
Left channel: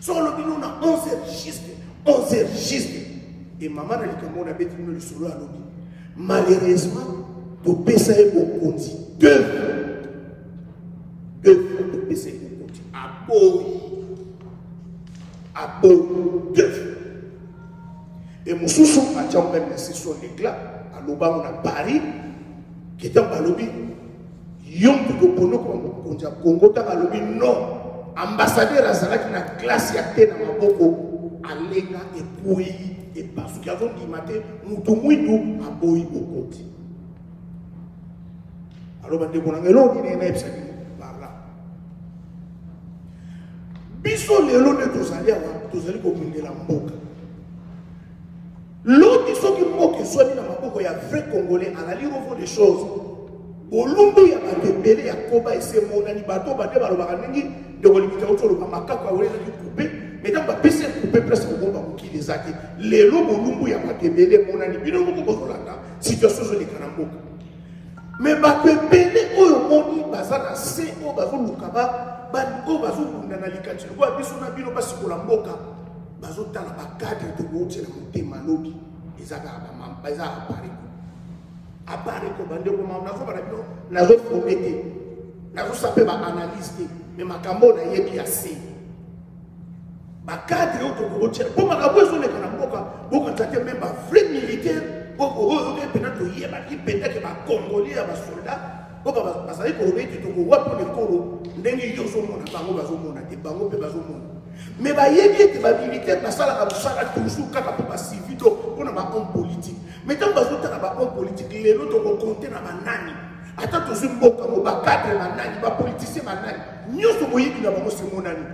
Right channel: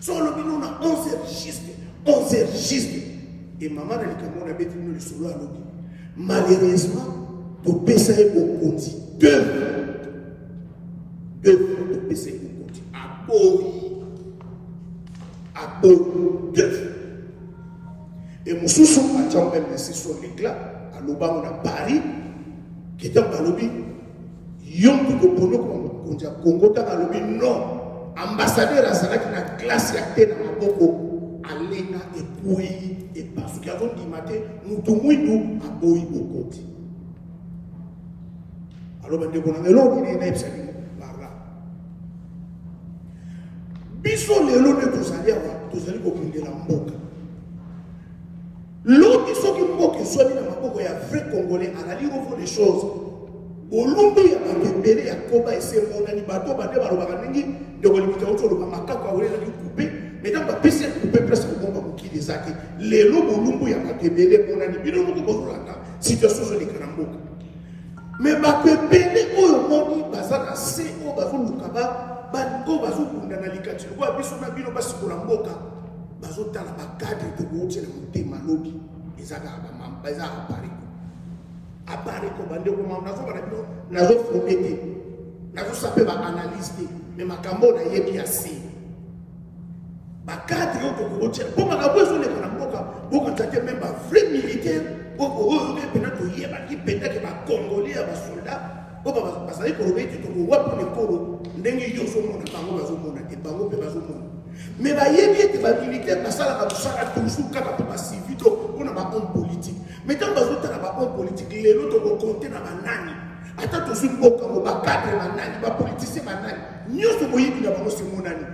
Soka lobino na 11 heures juste. Et maman na likambo na beti no le solo alobi. Malheureusement, to pesa au konti. Deux fois to pesa au konti. Deux. Et mon sous a déjà même laissé sur l'éclat, à l'Oba, on a Paris, qui est en lobby. Yom de Bono, comme on dit, Congo, dans le lobby, non. Ambassadeur à Zara qui n'a classe à terre dans ma boko, à l'Éna et Pouy, et parce qu'il y a dit matin, nous tout mouillons à Boy au côté. Alors, on a l'eau, il est par là. Bisson, les lots de tous allés comme de la boca. L'autre qui soit mis dans ma bouche, il y a vrai Congolais, à la lire au fond des choses. Au lumbu, il y a un bébé, il y a un combat, et c'est mon animateur, il y a un baranengi, de l'imité autour de ma macaque, il y a un coupé, mais dans ma piscine, coupé presque au moment où il est acquis. Les lobes au lumbu, il y a un bébé, mon animateur, il y a un situation sur les canambos. Mais ma bébé, au monde, il y a un C, au bavou, le kaba, au bavou, dans la licature, au bavou, on a bien au bavou, la moka. Bazota la cadre de monter la montée malobi les agaba mambaza apparaît comme bande comme on a fait na zo fomete na zo sapé ba analyse mais makambo na yebi assez ba cadre to monter pour ma besoin de la mboka boka tate même ba vrai militaire pour peut-être to yeba ki peut-être ba congolais ba soldats pour ba ça ko rete to ko wapo le koro ndenge yo zo mona bango bazo mona te bango pe bazo mona. Mais il y a des militaires qui sont toujours capables civil pour un homme politique. Mais tant que vous avez un homme politique, les autres vont compter dans la nani. Attends, tu as un homme cadre dans la nani, un politicien dans la nani. Nous sommes qui n'avons pas mon nani.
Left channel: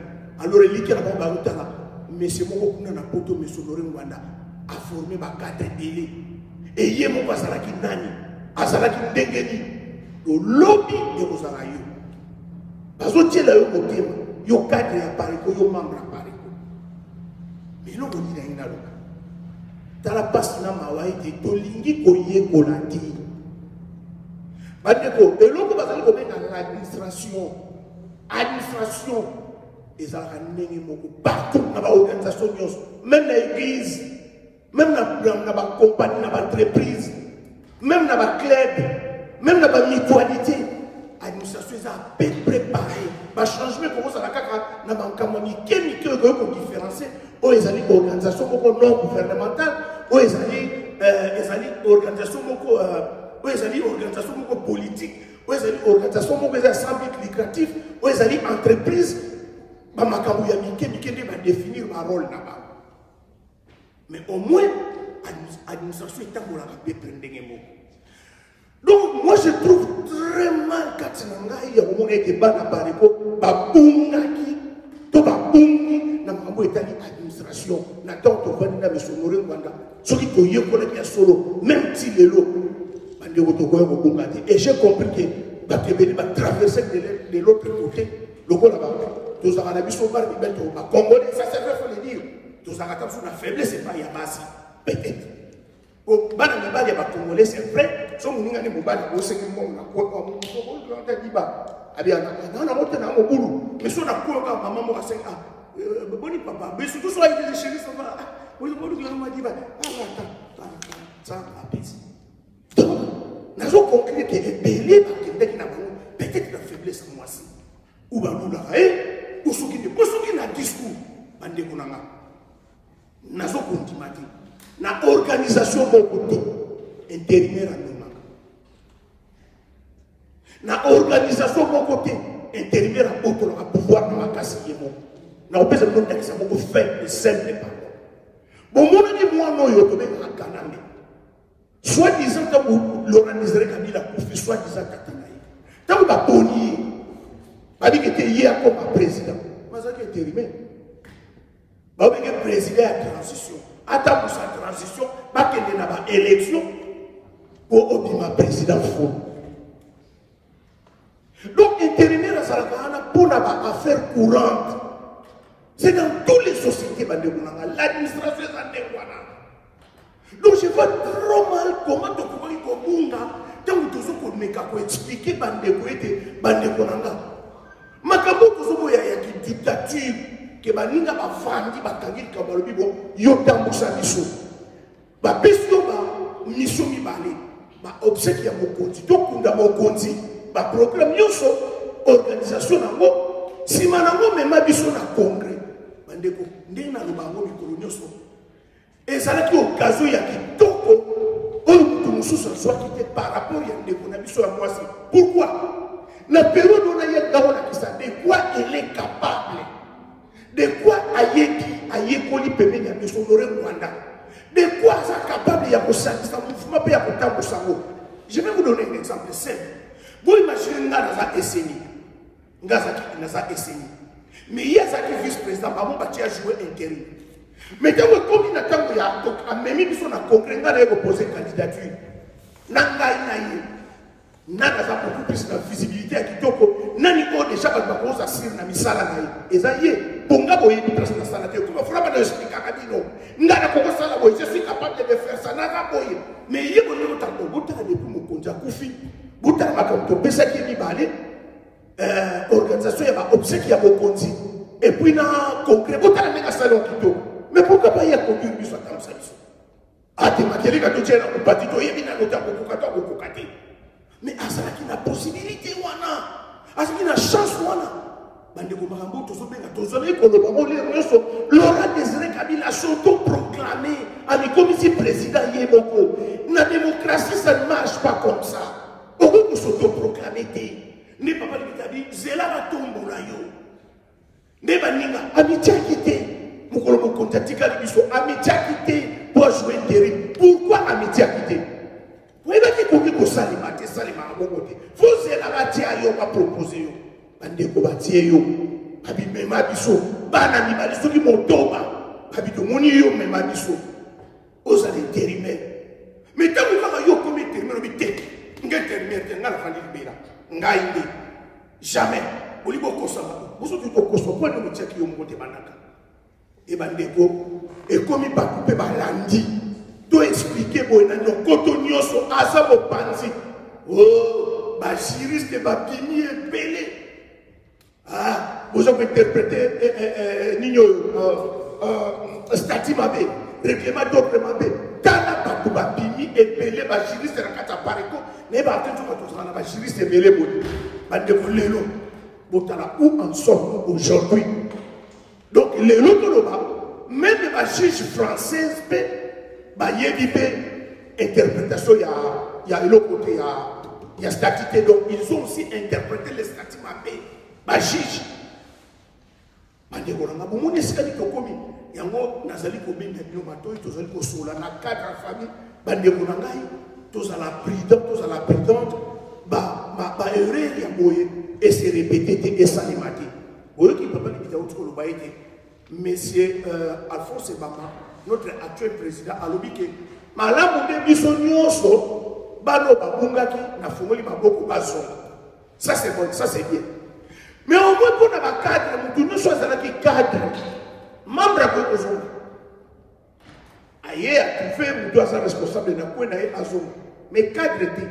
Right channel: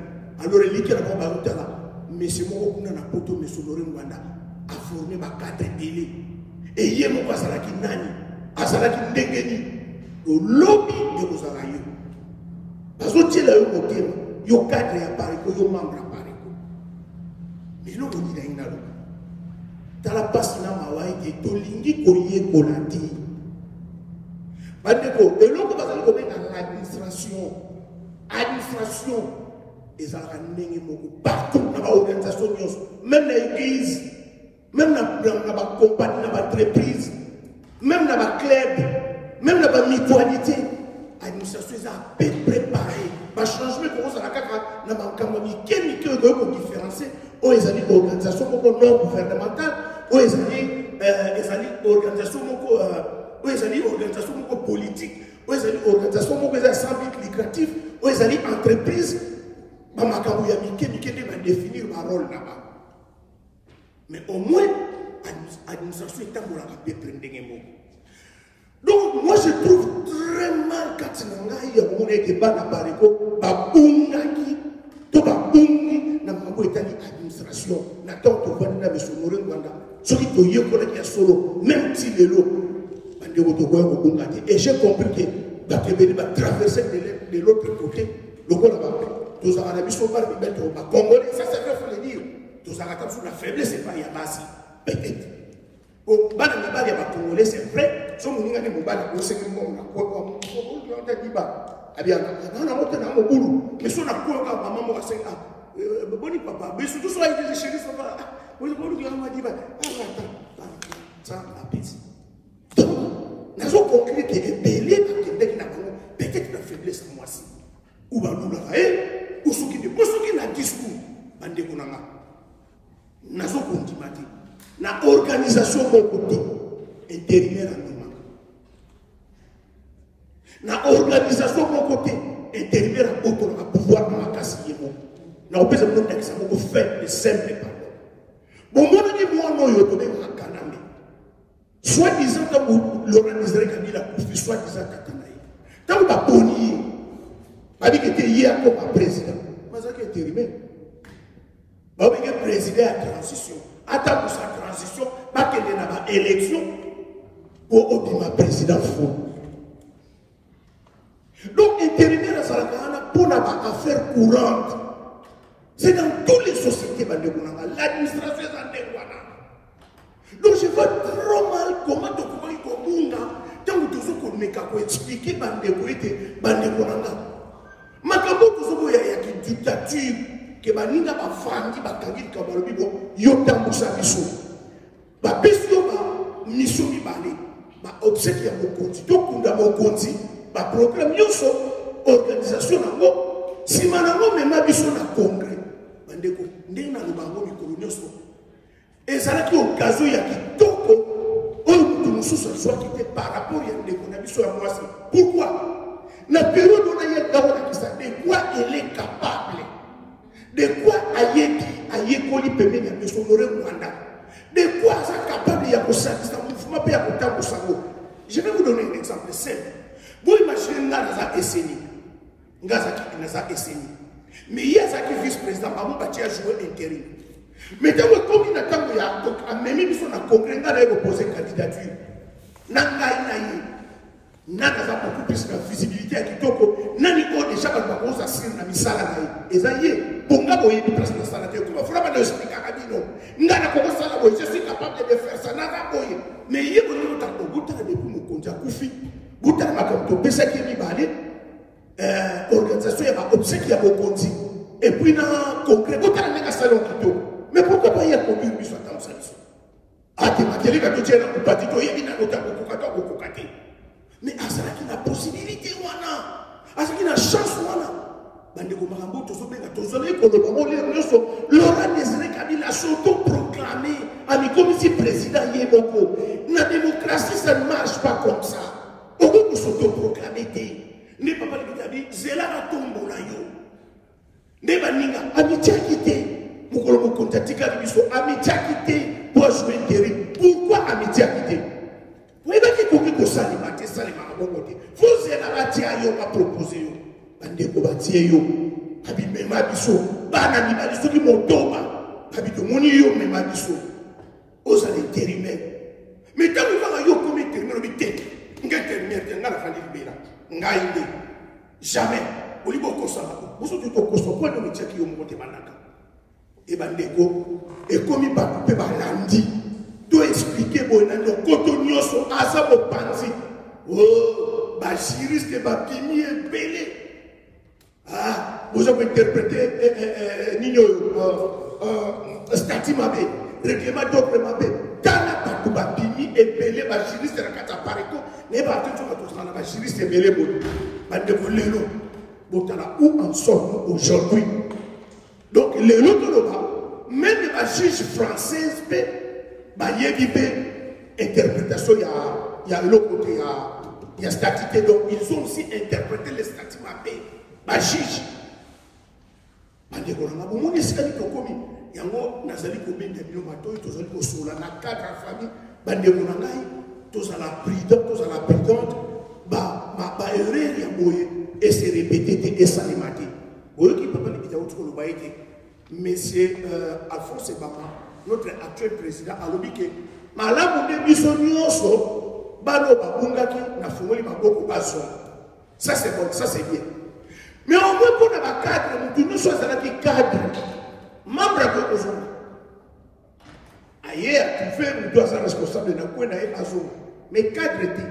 Alors, les gens qui n'ont pas de là. Mais c'est mon coup dans la poto, mais son oreille Rwanda a formé ma cadre délai. Et il y a mon quoi, ça l'a dit nani. À ça l'a dit ndengeni. Le lobby de vos araïeux. Parce que tu es là, yo cadre ya pariko yo membre ya pariko mais lo ngoni na ingalo tala passe na mawai de tolingi koye konandi bandeko eloko bazali ko benga l'administration ezalaka ndenge moko partout na ba organisation nyonso même na église même na ba compagnie na ba entreprise même na ba club même na ba mutualité administration est à peu près pareil. Le changement commence à la caca, dans ma campagne, quel est le différencier aux organisations non gouvernementales, aux organisations politiques, aux organisations sans but lucratif, aux entreprises. Bamakambo ya mike va définir ma rôle là-bas. Mais au moins, l'administration est en train de prendre des mots. Donc, moi, je trouve très mal quand il y a un débat à Bariko, Babungaki, Tobabungi, Namamo est en administration, Nathan Tobanina, M. Morin Wanda, celui qui est collègue solo, même si les lots, et j'ai compris que Bakébé va traverser de l'autre côté, le bon là-bas. Tous en Arabie Saoudite, Congolais, ça c'est vrai, il faut le dire. Tous en Arabie Saoudite, la faiblesse, c'est pas Yabasi, peut-être. Au bas de la balle, Congolais, c'est vrai. Si on a des mots, on sait que on a quoi, on a dit, on a monté dans mon boulot. Mais si on a quoi, maman, on a 5 ans. Bon, papa, mais surtout, soit il est chez lui, ça va. On a dit, ça, la bêtise. Donc, nous avons conclu que les belés, peut-être la faiblesse à moi aussi. Ou bien nous l'avons, ou ceux qui n'ont pas discours, nous avons continué. Na organisation côté intérimaire à nous. Na organisation côté intérimaire à beaucoup à pouvoir de ma casse na on peut se mettre exemple pour faire de simple paroles. Bon moi dit moi non yo to be na kanambe. Soit disant que vous l'organiserez Kabila pour soit disant Katanaï. Tant que ba boni ba dit que était hier comme président. Mais ça qui est intérimaire. Ba be que président à transition. Attends pour sa transition, pas qu'il y ait une élection pour obtenir un président faux. Donc, intérimaire à Salakana pour une affaire courante. C'est dans toutes les sociétés, l'administration est en dévoilant. Donc, je vois trop mal comment tu peux dire tant que tu peux expliquer Bandekonanga. Makambo, tu as une dictature. Que baninga bafandi bakangi kabalobi bo yotambusa biso ba biso ba mission mibale ba obsèque ya mokonzi to kunda mokonzi ba programme yoso organisation nango sima nango mema biso na congrès bandeko ndenge na lubango mikolo nyoso ezalaki occasion ya kitoko oyo mutu mosusu azwa kite par rapport ya ndeko na biso ya mwasi. Pourquoi na période on a ya ngabona kisande quoi il est capable. De quoi Ayekoli permet de s'honorer Rwanda. De quoi ça capable de s'honorer mouvement. Je vais vous donner un exemple simple. Vous imaginez dans essayé. Mais il y a un vice-président, qui a joué intérim. Mais quand il a même mis son congrès, il a posé candidature. Nana a beaucoup plus de visibilité à Kitoko. Nani ko déjà pas de cause à sir na misala na ye. Ezaye, bonga boye de place na sala te. Comment faut pas expliquer à Kabino. Ngana ko sala boye, je suis capable de faire ça na boye. Mais yé bon no tanto, buta de pour mo konja kufi. Buta ma ko to pesa ki mi balé. Organisation ya ba obsèque ya mokonzi. Et puis na congrès buta na salon kito. Mais pourquoi pas y a conduire biso comme ça. Ah, te materi ka to tshela ko patito ye bina no tango ko kata ko kokati. Mais à ça qui a possibilité à ça qui a chance bandeko barambo to so benga to zo le ko lo le nyoso Laurent Désiré Kabila s'auto-proclamé ami comme si président yeboko. La démocratie ça ne marche pas comme ça. On peut s'auto-proclamer ne papa dit zela la tombo la yo. Ne baninga amitié quitté mukolo mokontatika biso amitié quitté pour jouer terrain. Pourquoi amitié quitté? Vous avez dit que vous avez dit que vous avez dit que vous avez proposé. Vous avez dit que vous avez dit que vous avez dit que vous avez dit que vous avez dit que vous avez dit que vous avez dit mais quand vous avez dit que vous avez dit que vous avez dit jamais. Vous avez dit que vous avez dit que vous avez dit que vous avez dit to expliquer bon na koto nyoso asa bo panzi oh ba juriste ba pini ebele ah vous avez interprété nino statut mabe règlement d'ordre mabe kana ba ba pini ebele ba juriste na kata pareko ne ba tout to na ba juriste ebele bon ba de lelo botala où en sommes aujourd'hui. Donc lelo to ba même ba juge française bah il y a une interprétation, il y a l'autre côté, il y a statut. Donc ils ont aussi interprété les statuts mappés. Bah juge. bandeko na ngabo moni sikani tokomi yango nazali kobenda bino matoi tozali kosola na cadre ya famille bandeko na ngai tozala prudent tozala prudente ba erreur ya boye et se répéter te esalema te boyoki papa libita uti koloba ete monsieur Alphonse Bama notre actuel président alobi ke malamu nde biso nyonso bano babungaki na fungoli maboko bazonga. Ça c'est bon, ça c'est bien. Mais au moins pour le cadre, nous sommes dans le cadre. Membre de l'ozone. Ailleurs, tu fais, nous dois être responsables de la zone. Mais cadre dit.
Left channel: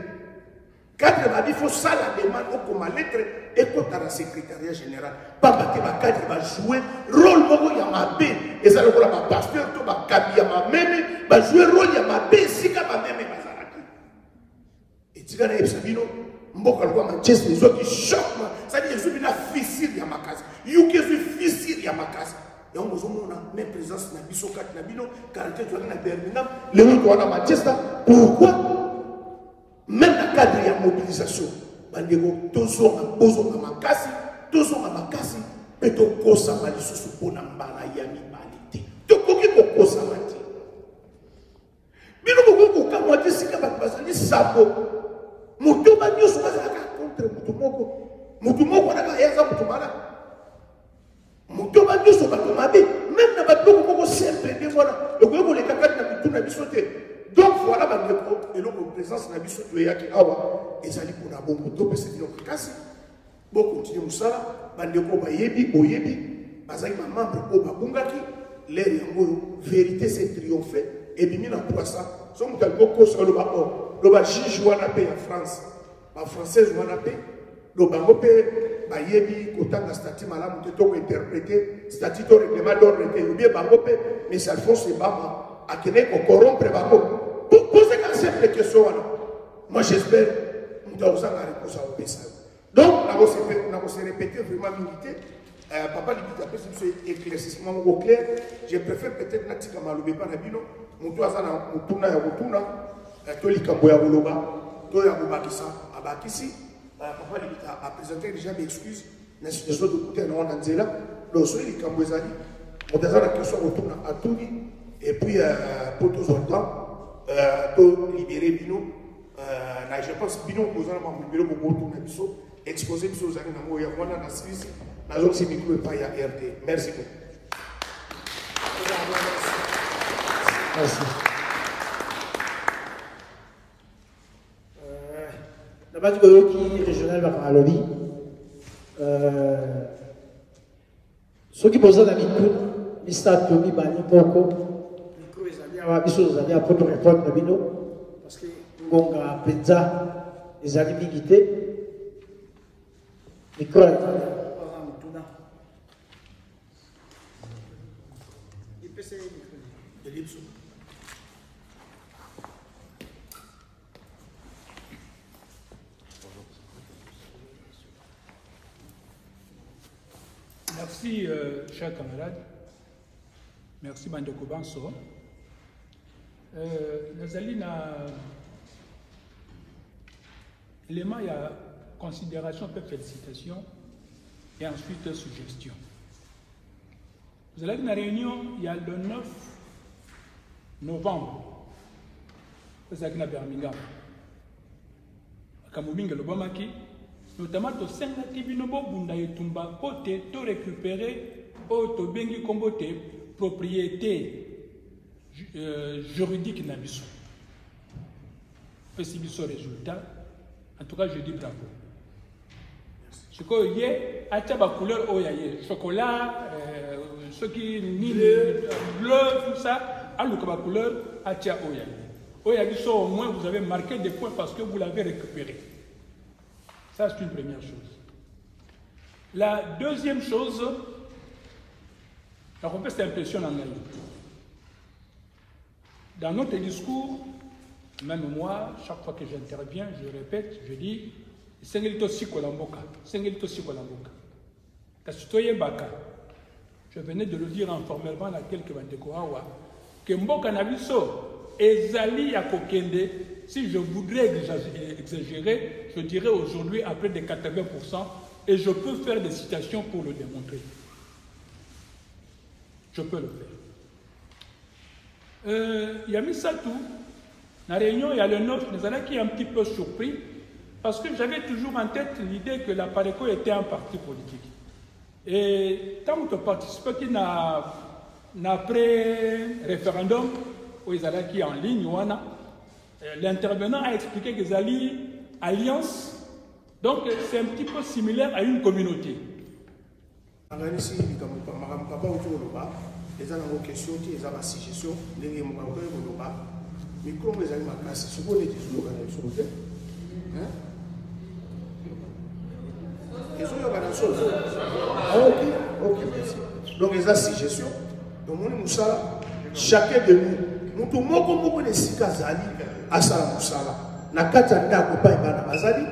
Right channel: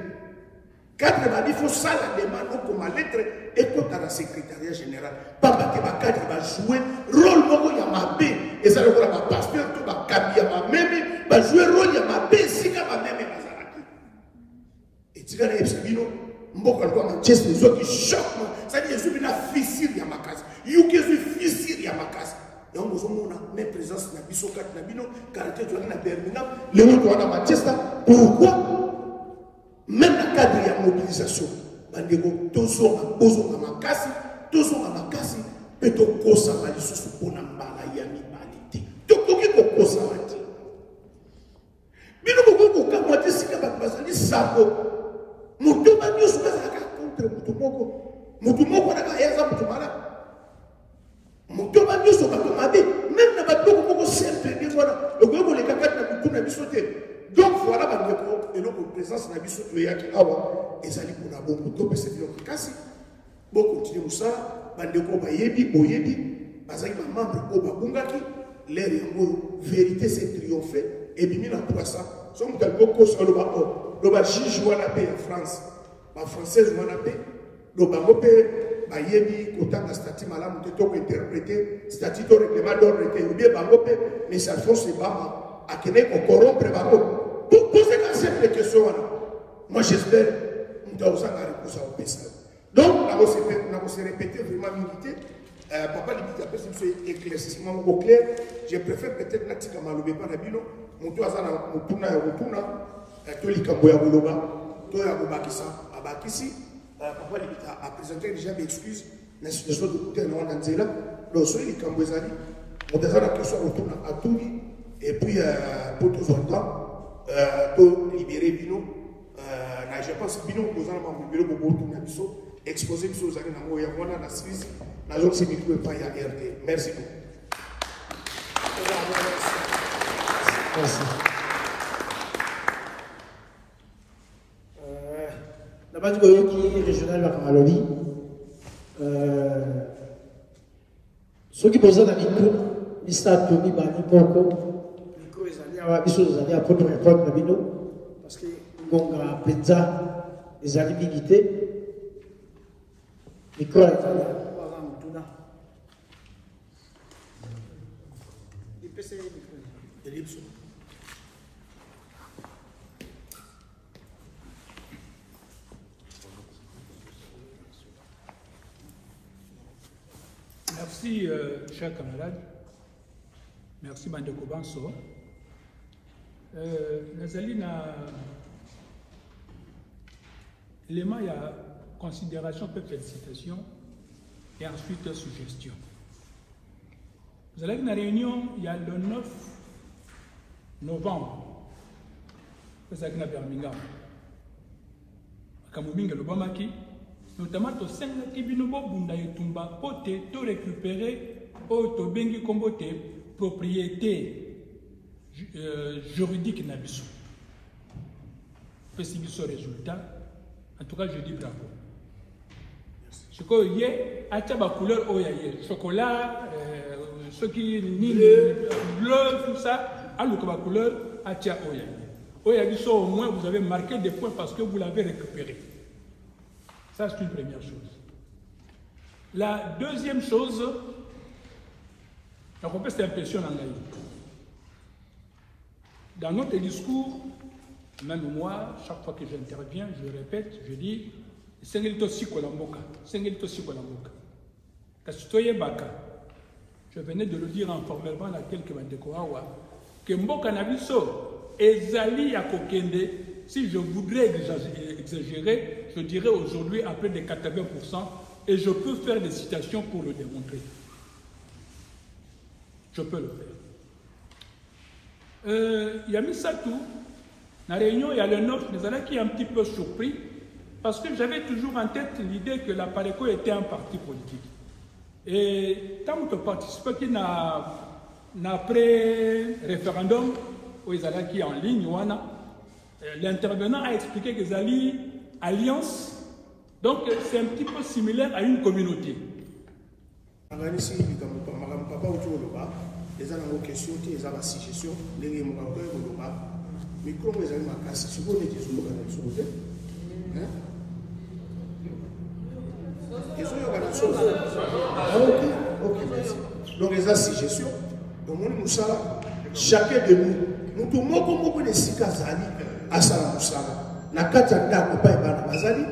Cadre m'a dit, il faut ça la demande comme lettre et comme dans le secrétariat général. Pas que le cadre va jouer rôle il y a ma bé. Et ça le ma pasteur, tout ma cabi à ma même, va jouer rôle il y a ma bé, si ma même est bazaraki. Et tu vas Sabino. Mboka kwa Manchester les autres qui choquent ça dit je suis na fissure ya makasi yuki je fissure ya makasi yango zomona même présence na biso kat na bino caractère tu na Birmingham le autre wana Manchester pourquoi même dans cadre ya mobilisation bandeko tozo na makasi pe to kosa mali susu pona mbala ya mibalite to koki ko kosa mati bino ko kamwa tisika bazali sabo mutu banyo sokaza contre mutu moko na kayaza mutu mala mutu banyo sokaza mabe même na batoko moko simple de voilà le gros les kakati na mutu na biso te donc voilà bandeko et donc présence na biso to yaki awa ezali ko na bongo to pese bilo kasi bo continue musala bandeko bayebi oyebi bazali ba membre ko babungaki l'air yango vérité c'est triompher et bimi na kwa ça so mutu aliboko so lo ba le juge wana pe en France, la française wana pe, le bango pe ba yebi kotanga statut malamu te to interpréter statut to règlement d'ordre que bien bango pe mais ça Alphonse Bama a kene ko corrompre bango. Pour poser la simple question wana. Moi j'espère nous avons la réponse à ça. Donc on va se répéter vraiment milité. Papa Libita peut se éclaircissement au clair. Je préfère peut-être natika malobe pa na bino, mutu azana mutuna ya mutuna. Tolika boya boloba toya bobakisa abakisi papa Libita a présenté déjà des excuses na situation de côté na wana nzela donc so ili kambo ezali modazana question retourna atuli et puis pour tous autres to libérer bino na je pense bino kozana ma libérer boboto na biso exposer biso zali na moya wana na Suisse na zone simiko pa ya RD. Merci beaucoup. Merci. La base qui régionale va à l'ONU. Ceux qui posent la micro, Mr. Tommy Bani Koko, micro ils allaient à prendre répondre à Bino, parce que Ngonga Penza, ils allaient m'iguiter. Micro, il peut se micro. Merci, chers camarades. Merci, Bandeko Banso. Nous allons l'élément, il y a considération, peut félicitation, et ensuite suggestion. Nous allons une réunion, il y a le 9 novembre. Vous allez à Birmingham. À Kamobinga, le Bamaki. Notamment, au sein de Kibinobo, Bundayetumba, côté, tout récupérer, au Bengi Kombote, propriété juridique Nabiso. C'est ce résultat. En tout cas, je dis bravo. Ce qu'il y a, à la couleur, il y a chocolat, ce qui bleu, tout ça, à la couleur, à la couleur, au moins, vous avez marqué des points parce que vous l'avez récupéré. Ça, c'est une première chose. La deuxième chose, la repère cette impression dans notre discours, même moi, chaque fois que j'interviens, je répète, je dis, c'est un aussi Kolamboka. Je venais de le dire informellement à quelques Bandekoawa, que Mboka Nabiso, Ezali Akokende, si je voudrais exagérer, je dirais aujourd'hui à près de 80%, et je peux faire des citations pour le démontrer. je peux le faire. Il y a mis ça tout. Dans la réunion, il y a le nôtre, les années qui est un petit peu surpris, parce que j'avais toujours en tête l'idée que la PARECO était un parti politique. Et tant que participe qui n'a pré-référendum, où ils allaient qui en ligne, l'intervenant a expliqué qu'ils allaient alliance, donc c'est un petit peu similaire à une communauté. Les gens ont des questions, ils ont des suggestions, les gens ont des questions, mais comment ils ont des questions, c'est bon, les gens ont des questions. Ils ont des questions. Ok, merci. Donc, ils ont des suggestions. Donc, chacun de nous, nous tout le monde est si casali à Salamoussala. Na katanga ko pa ebana bazali.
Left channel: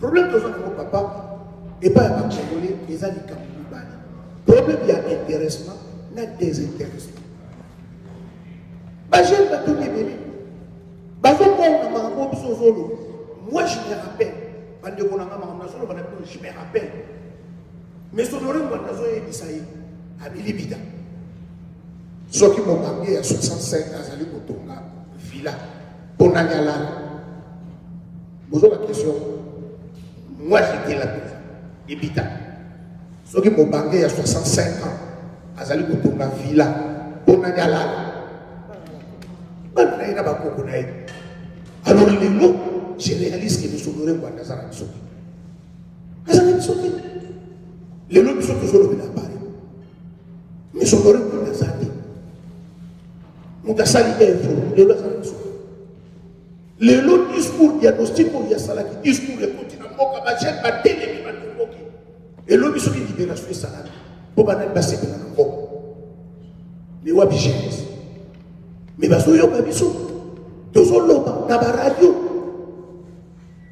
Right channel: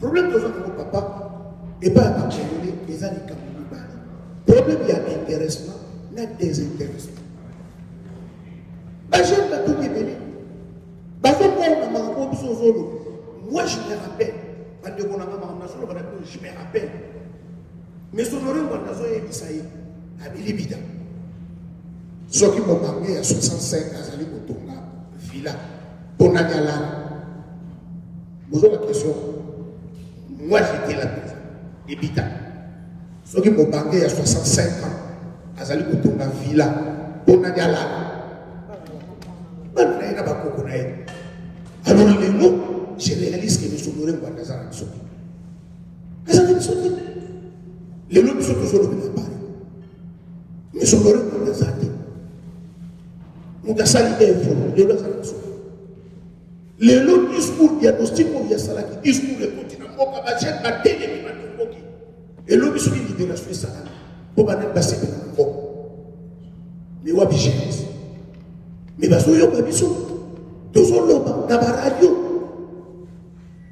Problème de notre papa et pas un congolais, les années Cameroun. Problème il y a intéressement. Désintéressement. Moi je me rappelle. Je me rappelle. Mais son oreille à Bilibida. Ceux qui m'ont manqué à 65 ans, à Kotonga, Villa, Bonagala. Vous avez la question. Moi j'étais là, Bilibida. Ceux qui m'ont manqué à 65 ans. Azali kutunga villa bonagala bana ba koko na ye alors je réalise que nous sommes dans la zone les lois sont toujours bien Paris mais sont dans la zone nous gasali les lois les lois discours diagnostic pour ya salaki discours le continent moka ba jet ba télé ba koki et lois sont qui libération salaki pour ne pas passer dans le monde. Mais où est-ce que mais parce que nous avons besoin de ce dans la radio.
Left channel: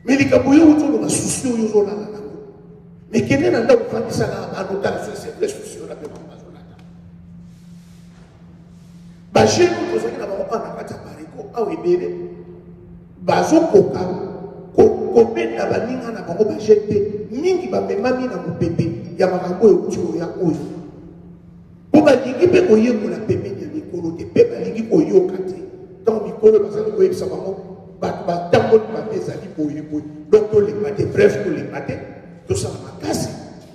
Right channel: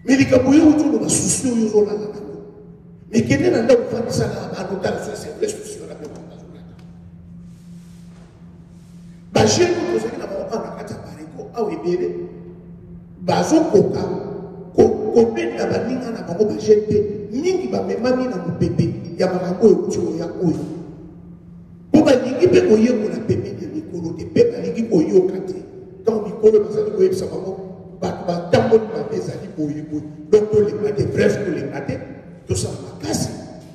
Mais les Camerounais ont des soucis, ils ont des mais qui n'est pas là pour faire ça à nos cas, c'est des soucis de la demande nationale. Bachir, nous avons un acte à Paris, à Wébélé, Bazo Koka, Kobe Nabalinga na bango bajete, mingi ba memami na mupebe, ya mabango yo ya oyo. Pour lingi pe oye ko na pepe de mikolo te pe lingi oyo kati. Dans mikolo ba sali ko yebisa bango ba tango ba pesa li oyo boy. Donc to les maté bref to les maté to sa makasi.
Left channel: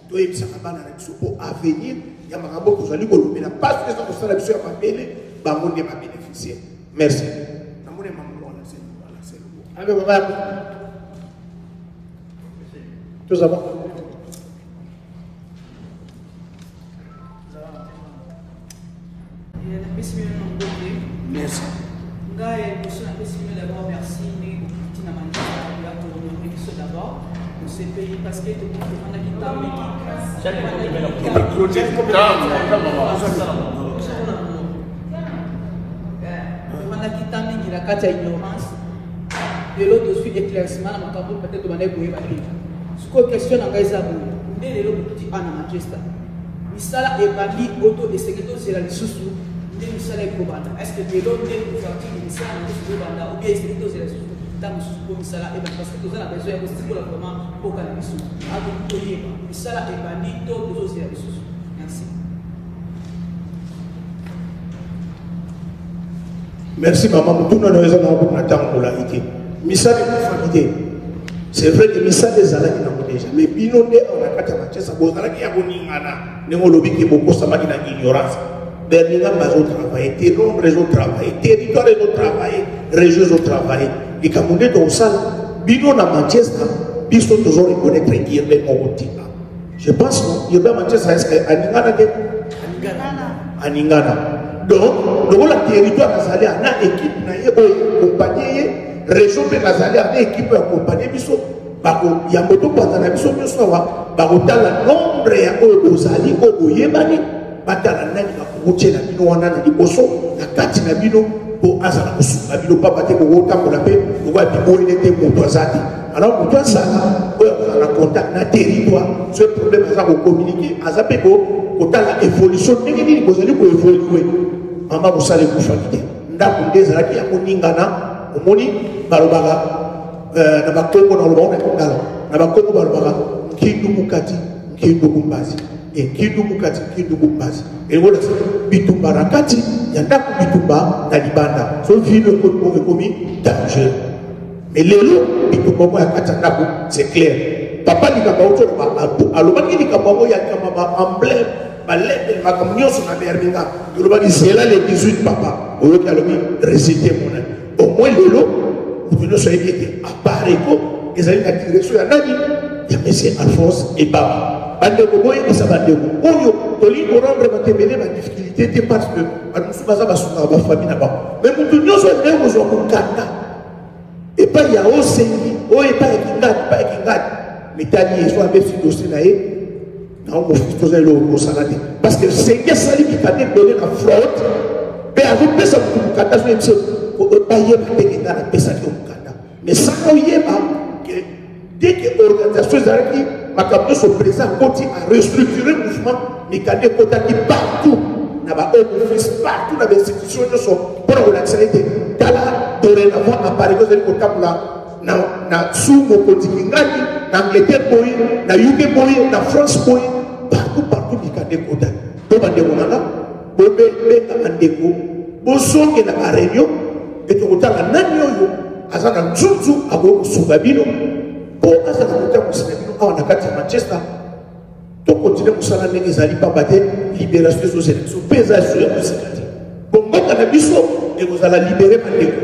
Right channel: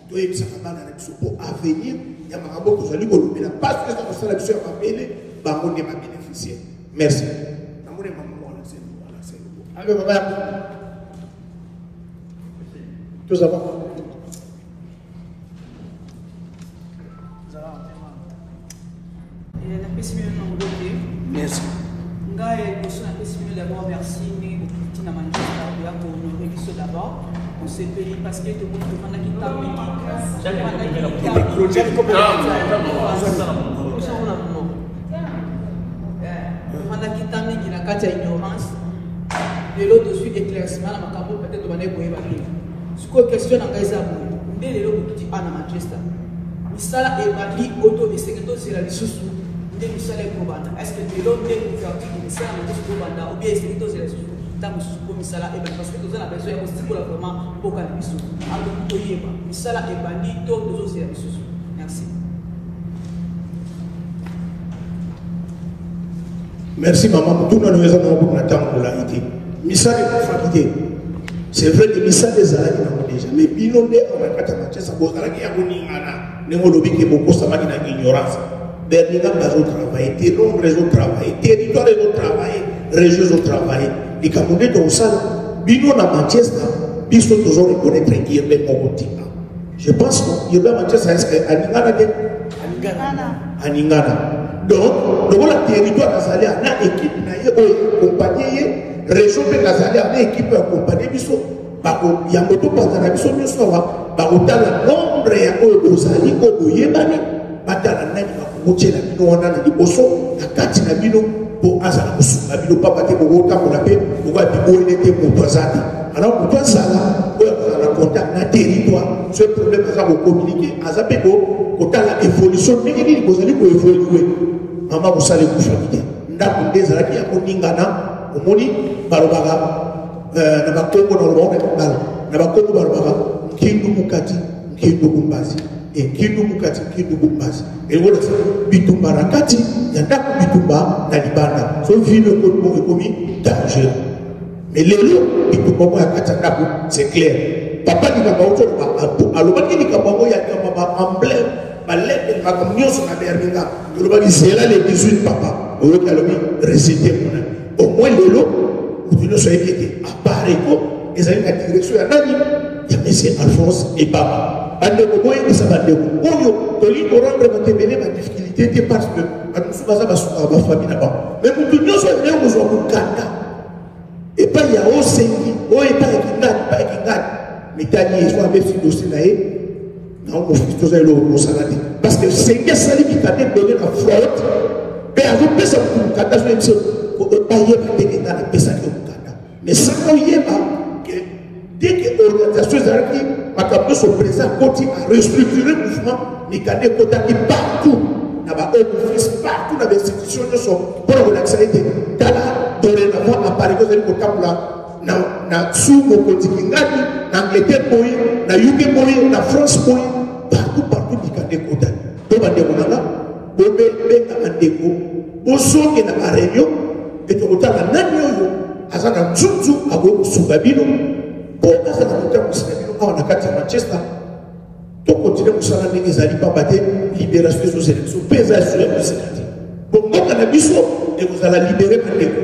To yebisa bana na biso pour avenir ya mabango ko sali ko lobela parce que ça ko sala biso ya mabele ba monde ba bénéficier. Merci. Namone maman la c'est voilà c'est bon. Allez on va tous avant. Merci. D'abord, merci. D'abord, on s'est payé parce que tout le monde a quitté ignorance. De l'autre, je suis éclaircissement dans ma campagne, peut-être de manière pour évaluer. Ce qu'on questionne à Gaïsabou, dès l'autre, tu as un manchester. Misala est bandi auto et secrétaire c'est la sous. Misala est probable. Est-ce que de l'autre, dès le faire du Misala est sous banda ou bien secrétaire c'est la sous. Tant que sous Misala est parce que nous avons besoin de stimuler vraiment pour qu'elle sous. Alors, Misala est bandi, tout le c'est la sous. Merci. Merci maman. Tout le monde a pour la idée. Misala est fatigué. C'est vrai que Misala des années déjà. Mais binomé on a quatre ça vous allez y avoir une ana. Nous lobby que beaucoup ça m'a dit ignorance. Berlin a travaillé, des nombres ont travaillé, territoires ont travaillé, régions ont travaillé. Les Camerounais dans ça, binom à Manchester, ils sont toujours reconnaître qui est Mogotina. Je pense que le Manchester est Aningana. Donc, le territoire national a une équipe, une compagnie, région de Nazalie a une équipe accompagnée. Il y a beaucoup de gens qui sont dans nombre de Ozali, Ogoyemani, Batala Nani, Kuche, la Bino, Wana, la Liboso, la Kati, la Bino, pour Azala, la Bino, Papa, Tekoka, pour la paix, pour voir Bino, il était pour Tozati. Alors, pour toi, ça, on a contact, un territoire, ce problème, ça va communiquer. Azapeko, pour la évolution, mais il faut évoluer. Maman, vous savez, vous famille. Ndako, des Zaki, à Moningana, au Moni, Barobara. Na bakongo na lobona kongala na bakongo balobaka kindu mukati kindu kumbazi et kinduku kati kinduku mbasi et voilà bitumba rakati yandako bitumba na libanda so vivre ko komi danger mais lelo bitumba mo yakati ndako c'est clair papa likamba oto ba alobaki likamba mo yakama ba emblème ba lettre ma comme nyonso na berninga yoloba zela les 18 papa oyo kalomi réciter au moins lelo vous soyez dit à Pareco ils allaient la direction ya nani ya monsieur Alphonse et Baba bande ko boy et ça bande ko oyo toli ko rendre ma tebele ma difficulté parce que anu baza basuka ba famille na ba mais nous tous nous on est aux okanda et pas ya osengi o et pas kinga mais tani so avec ce dossier là na on faut faire le salade parce que c'est que ça lui qui a donné la faute mais avec ça pour kata je me ko payer pour na pesa ko kata mais ça ko yeba que dès que l'organisation Zaraki Makapo se présente à restructurer le mouvement Mikane Kotaki partout là-bas office partout dans les institutions pour l'accès dans la dorénavant apparaît dans le côté là na sous mon quotidien na Angleterre boy na UK boy na France boy partout Mikane Kotaki to bande monana bobe be andeko boso ke na réunion et to kotala nanyo yo azana nzuzu abo sugabino pour azana kotala sugabino on a kati Manchester to continuer kusala ndenge zali pa baté libération des élections pesage sur le sénateur bon ngaka na biso et vous allez libérer mandeko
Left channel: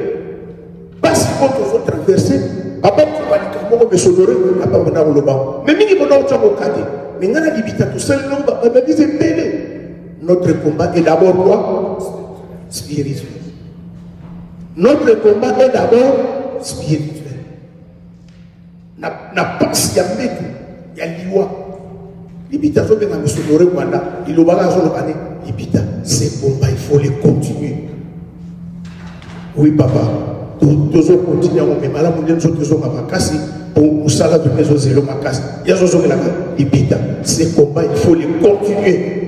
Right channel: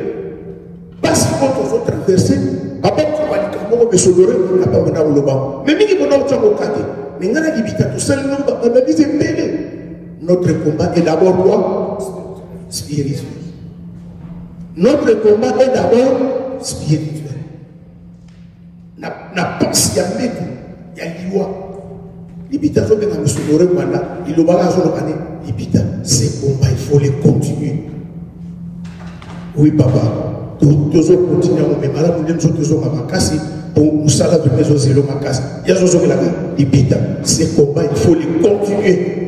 parce que quand vous traverser après vous allez comme vous besodoro na pa na loba mais mingi bona utongo kati mais ngana libita tout seul non ba bise pele notre combat est d'abord quoi spirituel. Notre combat est d'abord spirituel. Na pas ya meku ya liwa. Libita zo benga misonore Rwanda, ilobala zo lokane libita. Ces combats il faut les continuer. Oui papa, toujours continuer on me mala munde zo toujours makasi pour musala de maison zelo makasi. Ya zo zo la libita. Ces combats il faut les continuer.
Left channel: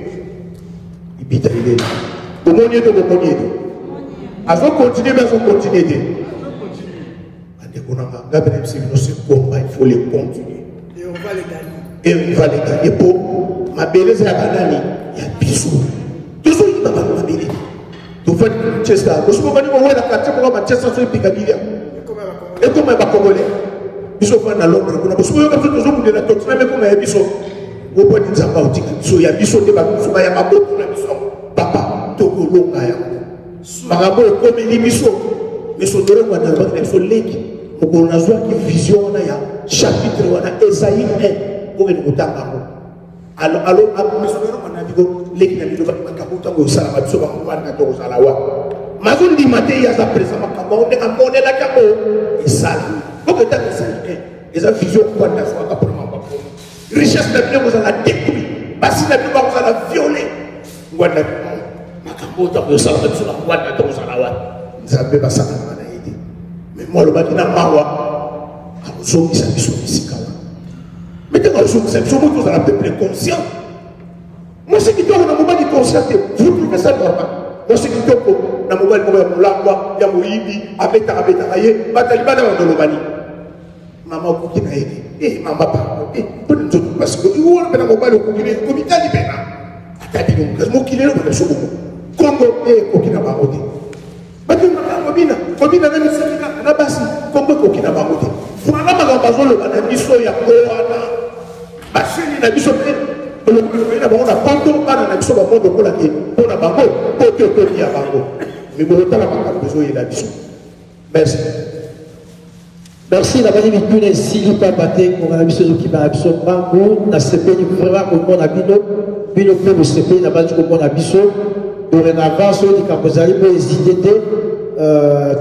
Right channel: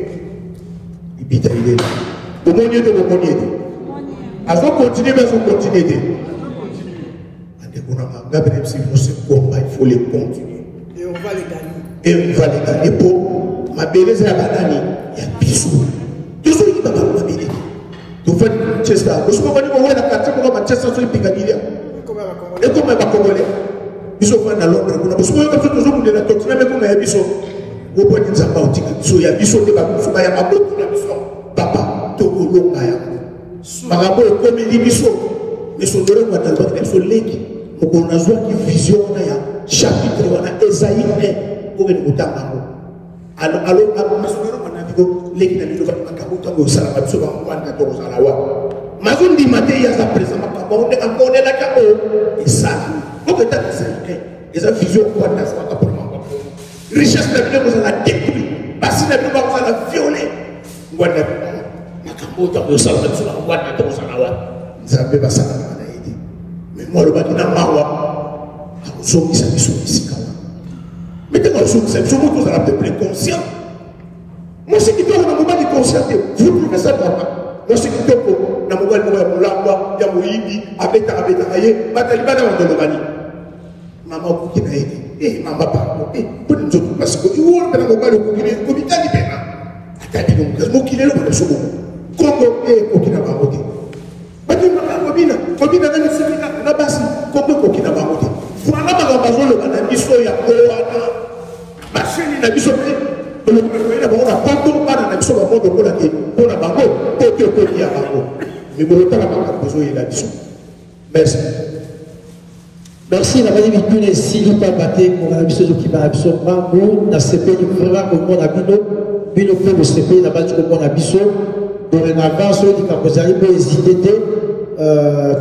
Libita il est là. Comment il est Azo continuer, mais on continue. Il faut les continuer. Et on va les gagner. Et on va les gagner pour ma belleza à Banani. Il y a bisous. Toujours il va pas nous bénir. Tu fais Manchester. Tu sais comment on va la carte pour Manchester sur le Picadilly. Et comment va Congolais. Bisous va dans l'autre. Parce que nous toujours nous la continuer mais comme il y a bisous. Vous pouvez dire ça pas au ticket. Il y a bisous de la bisous. Il y a beaucoup de bisous. Papa, Togo Longa. Marabo comme il bisous. Mais son doré va dans l'autre. Il faut l'aider. On a besoin de vision. Chapitre on a Esaïe 1 pour nous tanga alors mesonero manadigo lekina bido ba makabuta ngo sala ba biso ba ngwana to sala wa mazundi mate ya za presa makabone akone la kabo isali ko ta Esaïe eza vision kwa na sa ka pour mama richesse de Dieu za la détruit basi na bido ba za violer ngwana makabuta ngo sala ba biso ba ngwana to sala wa nzambe ba sala na idi mais moi le bakina mawa soki sa biso bisika wana maintenant soki sa biso moto ozala peuple conscient mwasi kitoko na mobali conscient te vous trouvez ça normal mwasi kitoko na mobali moko ya molangwa ya moyibi abetaka ye batali bana bandolobani mama okoki na ye mama pardon pone nzoto parce que iwona mpe na mobali okoki komitali pena atali mokasi mokili elo pene soboko kongo ekoki na bango te bato makambo kobina na misalina na basi kongo ekoki na bango te voilà makambo azoloba na biso ya kowana baseli na biso mpe na bango na poto bana na biso bango lokolaki mpona bango po te okoki ya bango mikolo tala makambo ezoyela biso merci merci na bani mituna esili pamba te kongana biso ezokima na biso mbangu nasepeli vraiment komona bino mpe bosepeli na bandi komona biso dorénavant soki likambo ezali mpe hésite te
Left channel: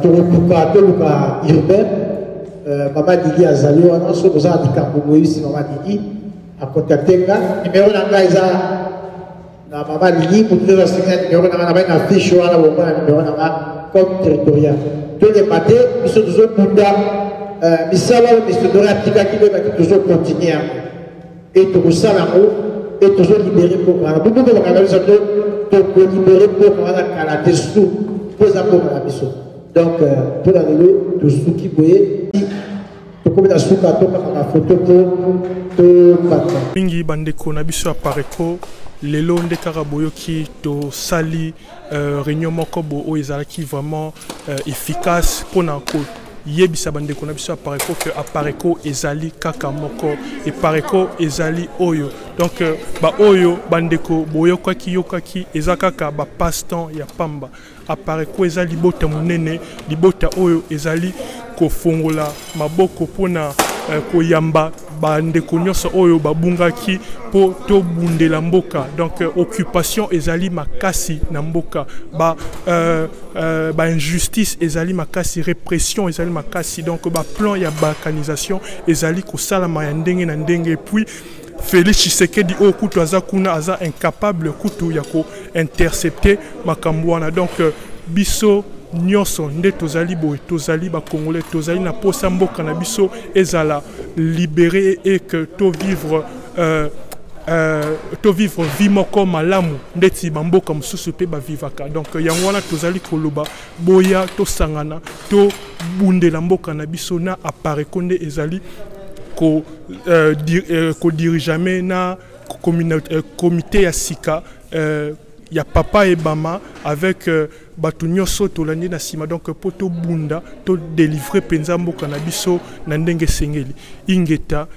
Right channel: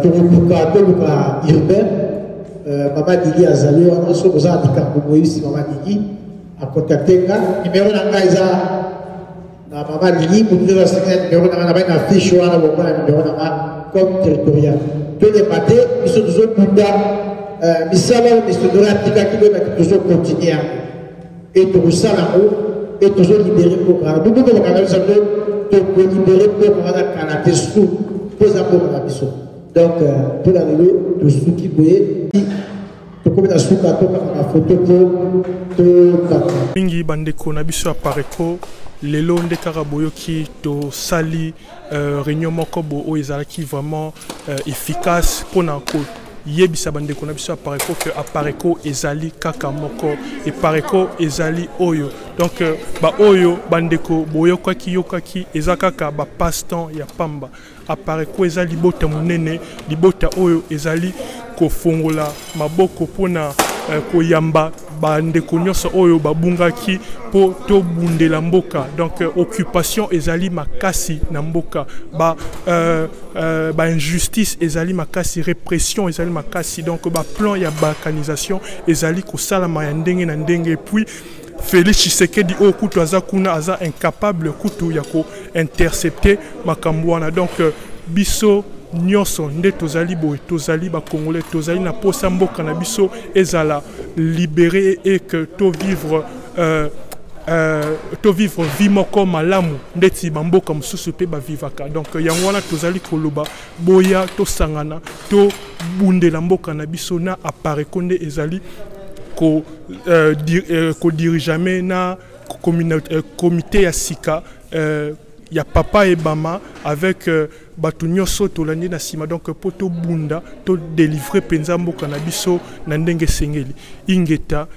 toluka urbain Mama Didi azali wana so boza likambo moyisi Mama Didi akontakte nga numéro na ngai eza na Mama Didi motu eza sika numéro na nga na fiche wana bongo na numéro na nga comme territorial toleba te biso tozobunda misala oyo misodoro atikaki boyebaki tozokontinue yango e tokosala yango e tozolibere mpoka bubundelaka na biso tokolibere mpoka wana kala te su mpo eza mpoka na biso donc mpona lelo tosuki boye mingi bandeko na biso apareko lelo nde kaka boyoki to sali réunion moko bo o ezalaki vraiment efficace pona ko yebisa bandeko na biso apareko que apareko ezali kaka moko et pareko ezali oyo donc ba oyo bandeko boyokaki yokaki ezakaka ba passe-temps ya pamba apareko ezali libota munene libota oyo ezali kofongola maboko pona koyamba bandeko nyonso oyo babungaki po to bundela mboka donc occupation ezali makasi na mboka ba injustice ezali makasi répression ezali makasi donc ba plan ya balkanisation ezali kosalama ya ndenge na ndenge puis Félix Tshisekedi o kutu aza kuna aza incapable kutu ya ko intercepter makambo wana donc biso nyonso nde tozali boye tozali ba congolais tozali na posa mboka na biso ezala libéré et que to vivre vie moko malamu ndeti bamboka mosusu pe ba vivaka donc yango wana tozali koloba boya to sangana to bundela mboka na biso na apareko nde ezali ko dirige na comité ya sika ya papa et bama avec batu nyonso tolandi na sima donc po to bunda to délivrer penza mboka na biso na ndenge sengeli ingeta